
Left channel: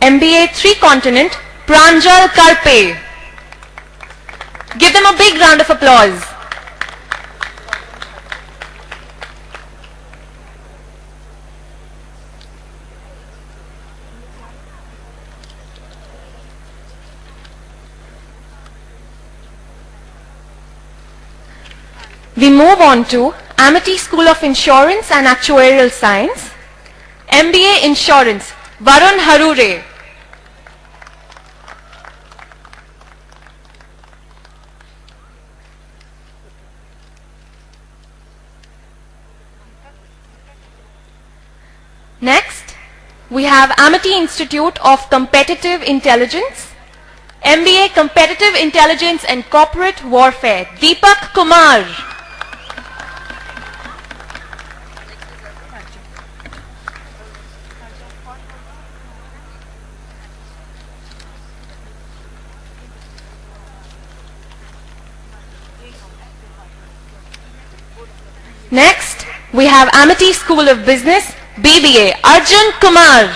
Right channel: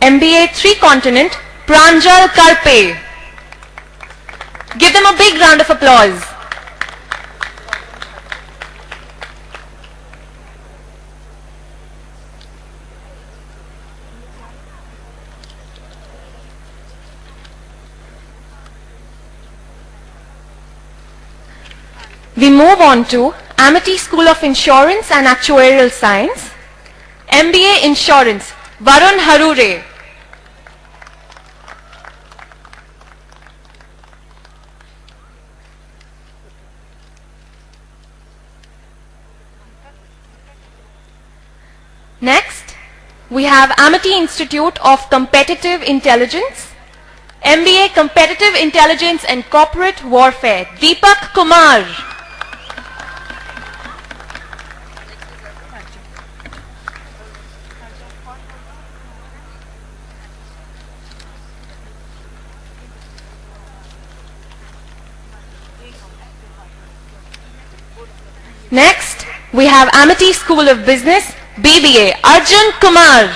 MBA Three Continent, Pranjal Karpe. Give them a big round of applause. We move on to Amity School of Insurance and Actuarial Science, MBA Insurance, Varun Harure. Next, we have Amity Institute of Competitive Intelligence, MBA Competitive Intelligence and Corporate Warfare, Deepak Kumar. Next, we have Amity School of Business, BBA, Arjun Kumar.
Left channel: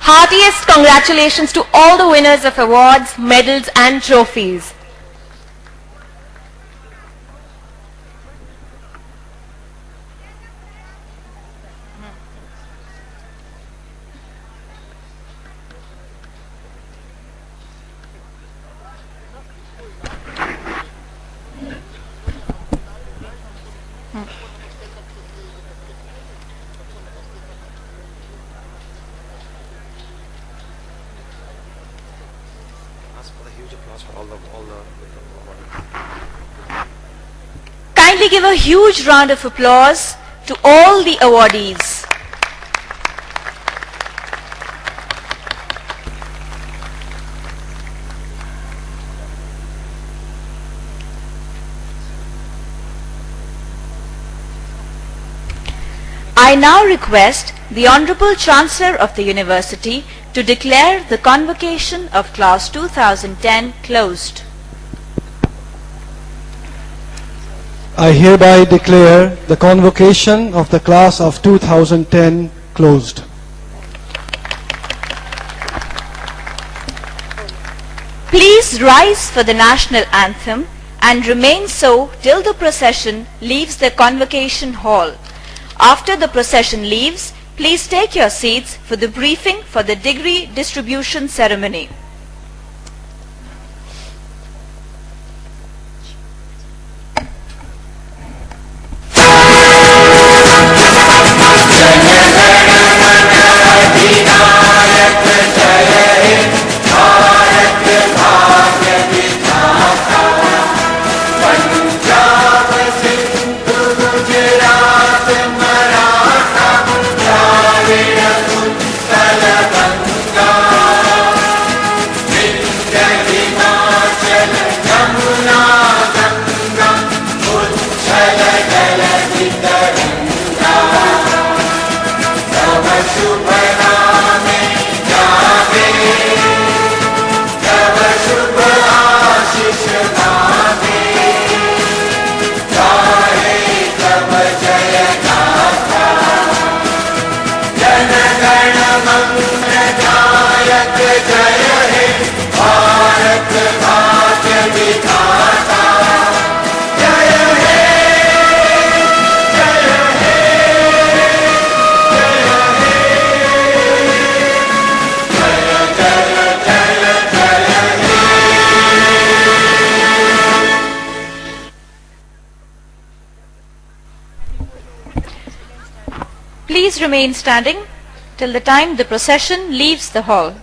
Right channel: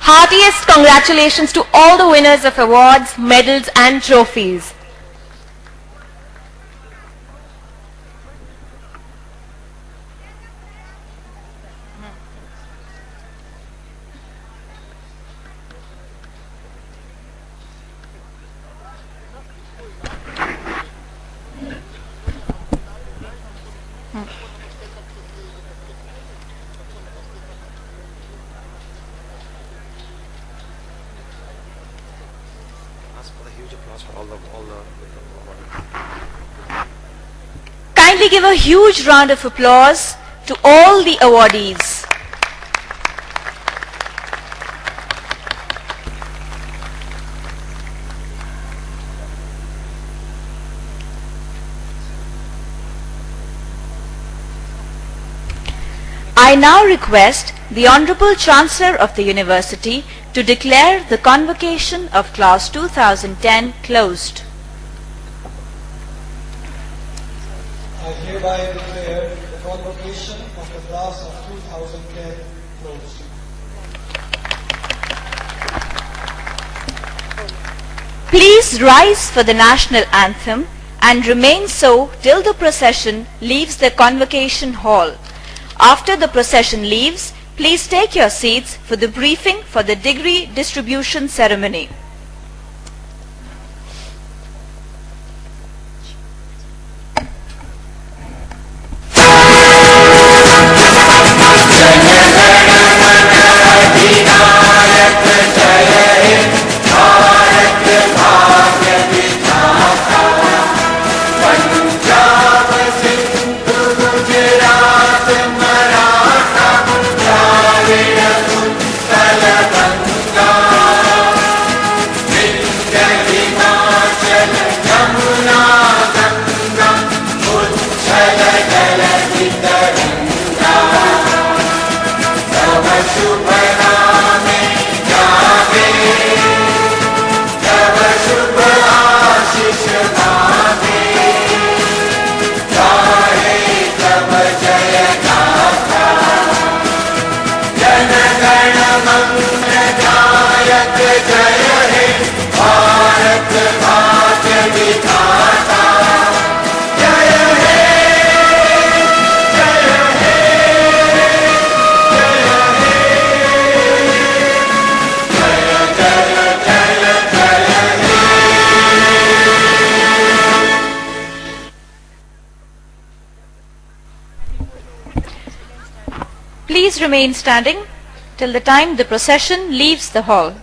Heartiest congratulations to all the winners of awards, medals and trophies. Kindly give a huge round of applause to all the awardees. I now request the Honorable Chancellor of the University to declare the convocation of Class 2010 closed. I hereby declare the convocation of the class of 2010 closed. Please rise for the national anthem and remain so till the procession leaves the convocation hall. After the procession leaves, please take your seats for the briefing for the degree distribution ceremony. Please remain standing till the time the procession leaves the hall.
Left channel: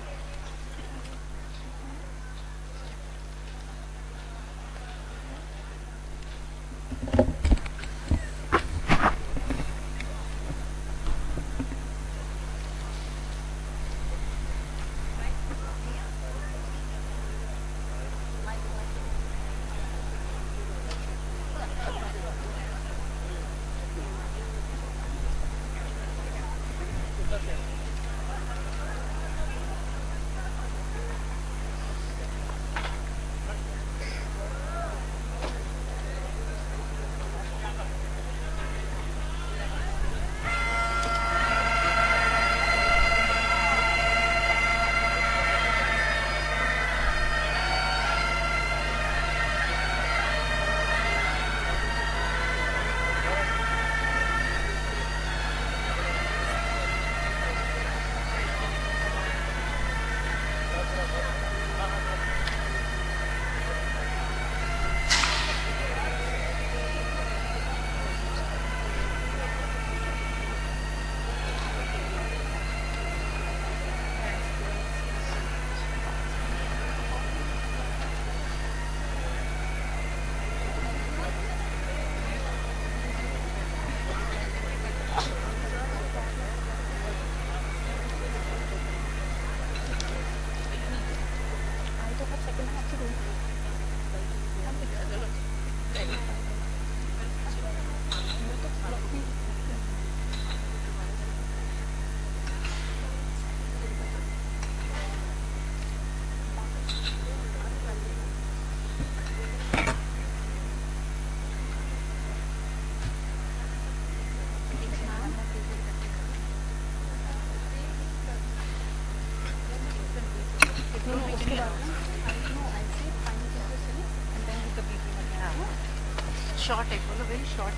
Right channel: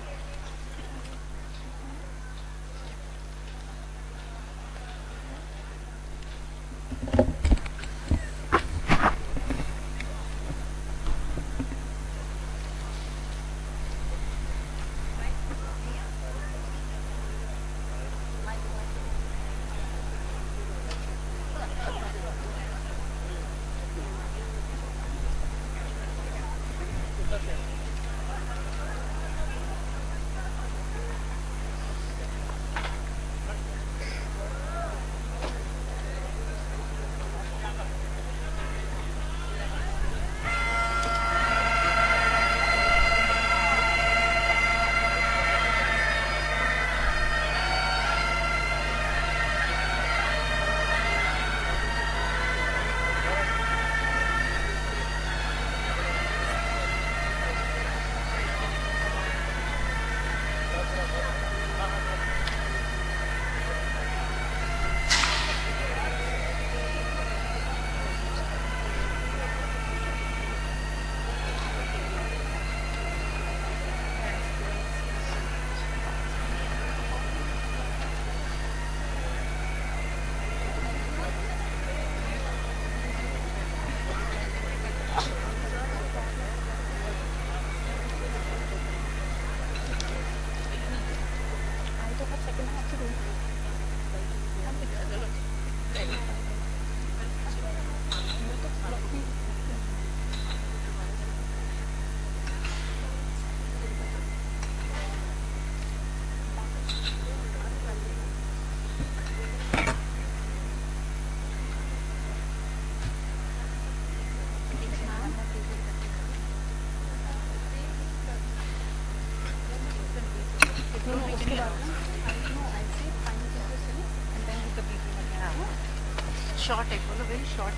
Short है, बोलो very short.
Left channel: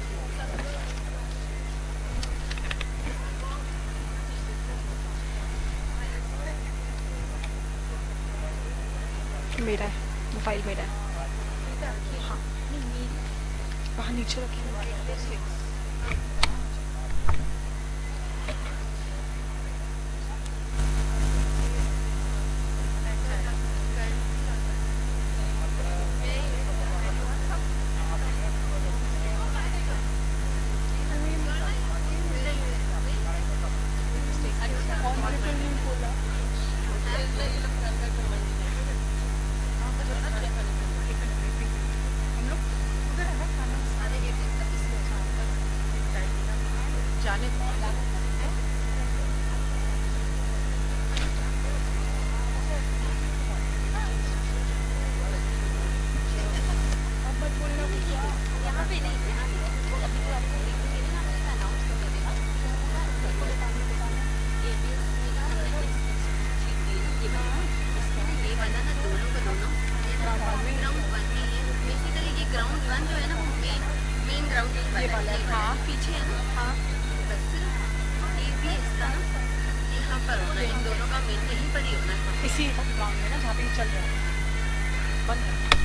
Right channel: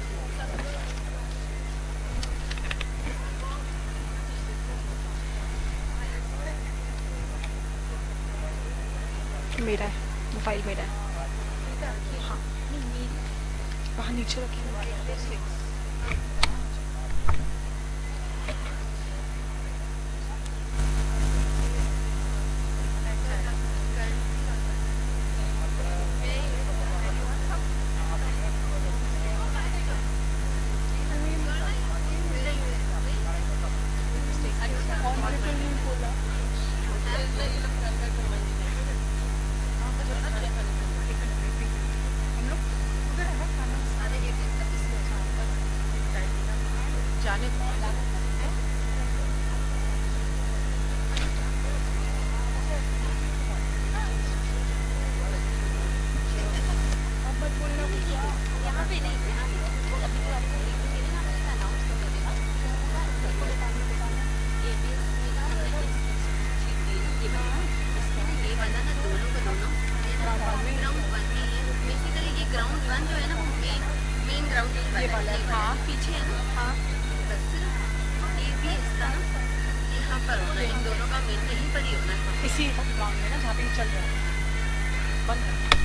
मेरा है, mobile मेरा है. हाँ, वहाँ नीचे रखिए. इसी ग्राउंड में ना जहाँ पे ये चल रहा है. बंद कर.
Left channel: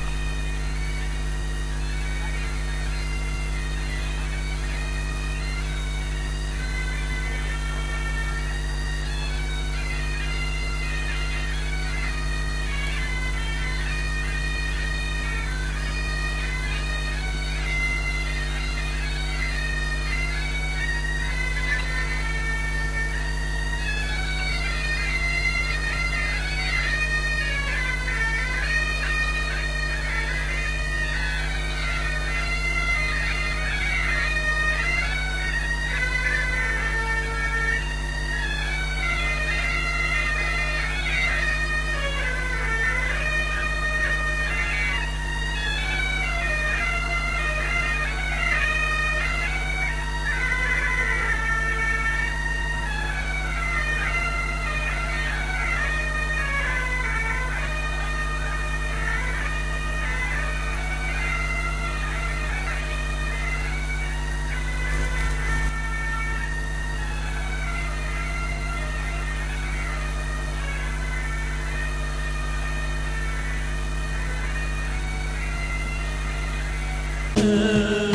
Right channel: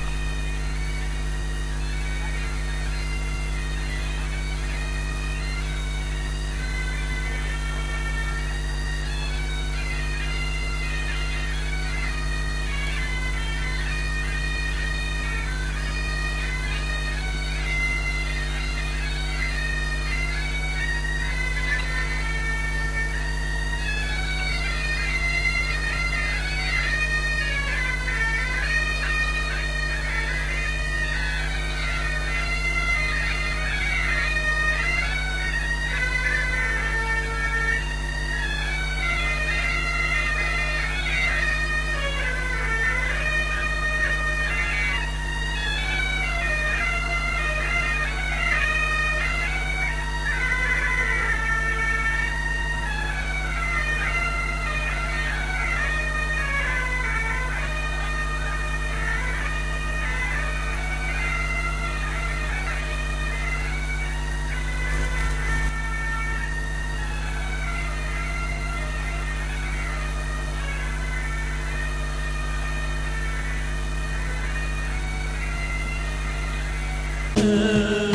Thank you.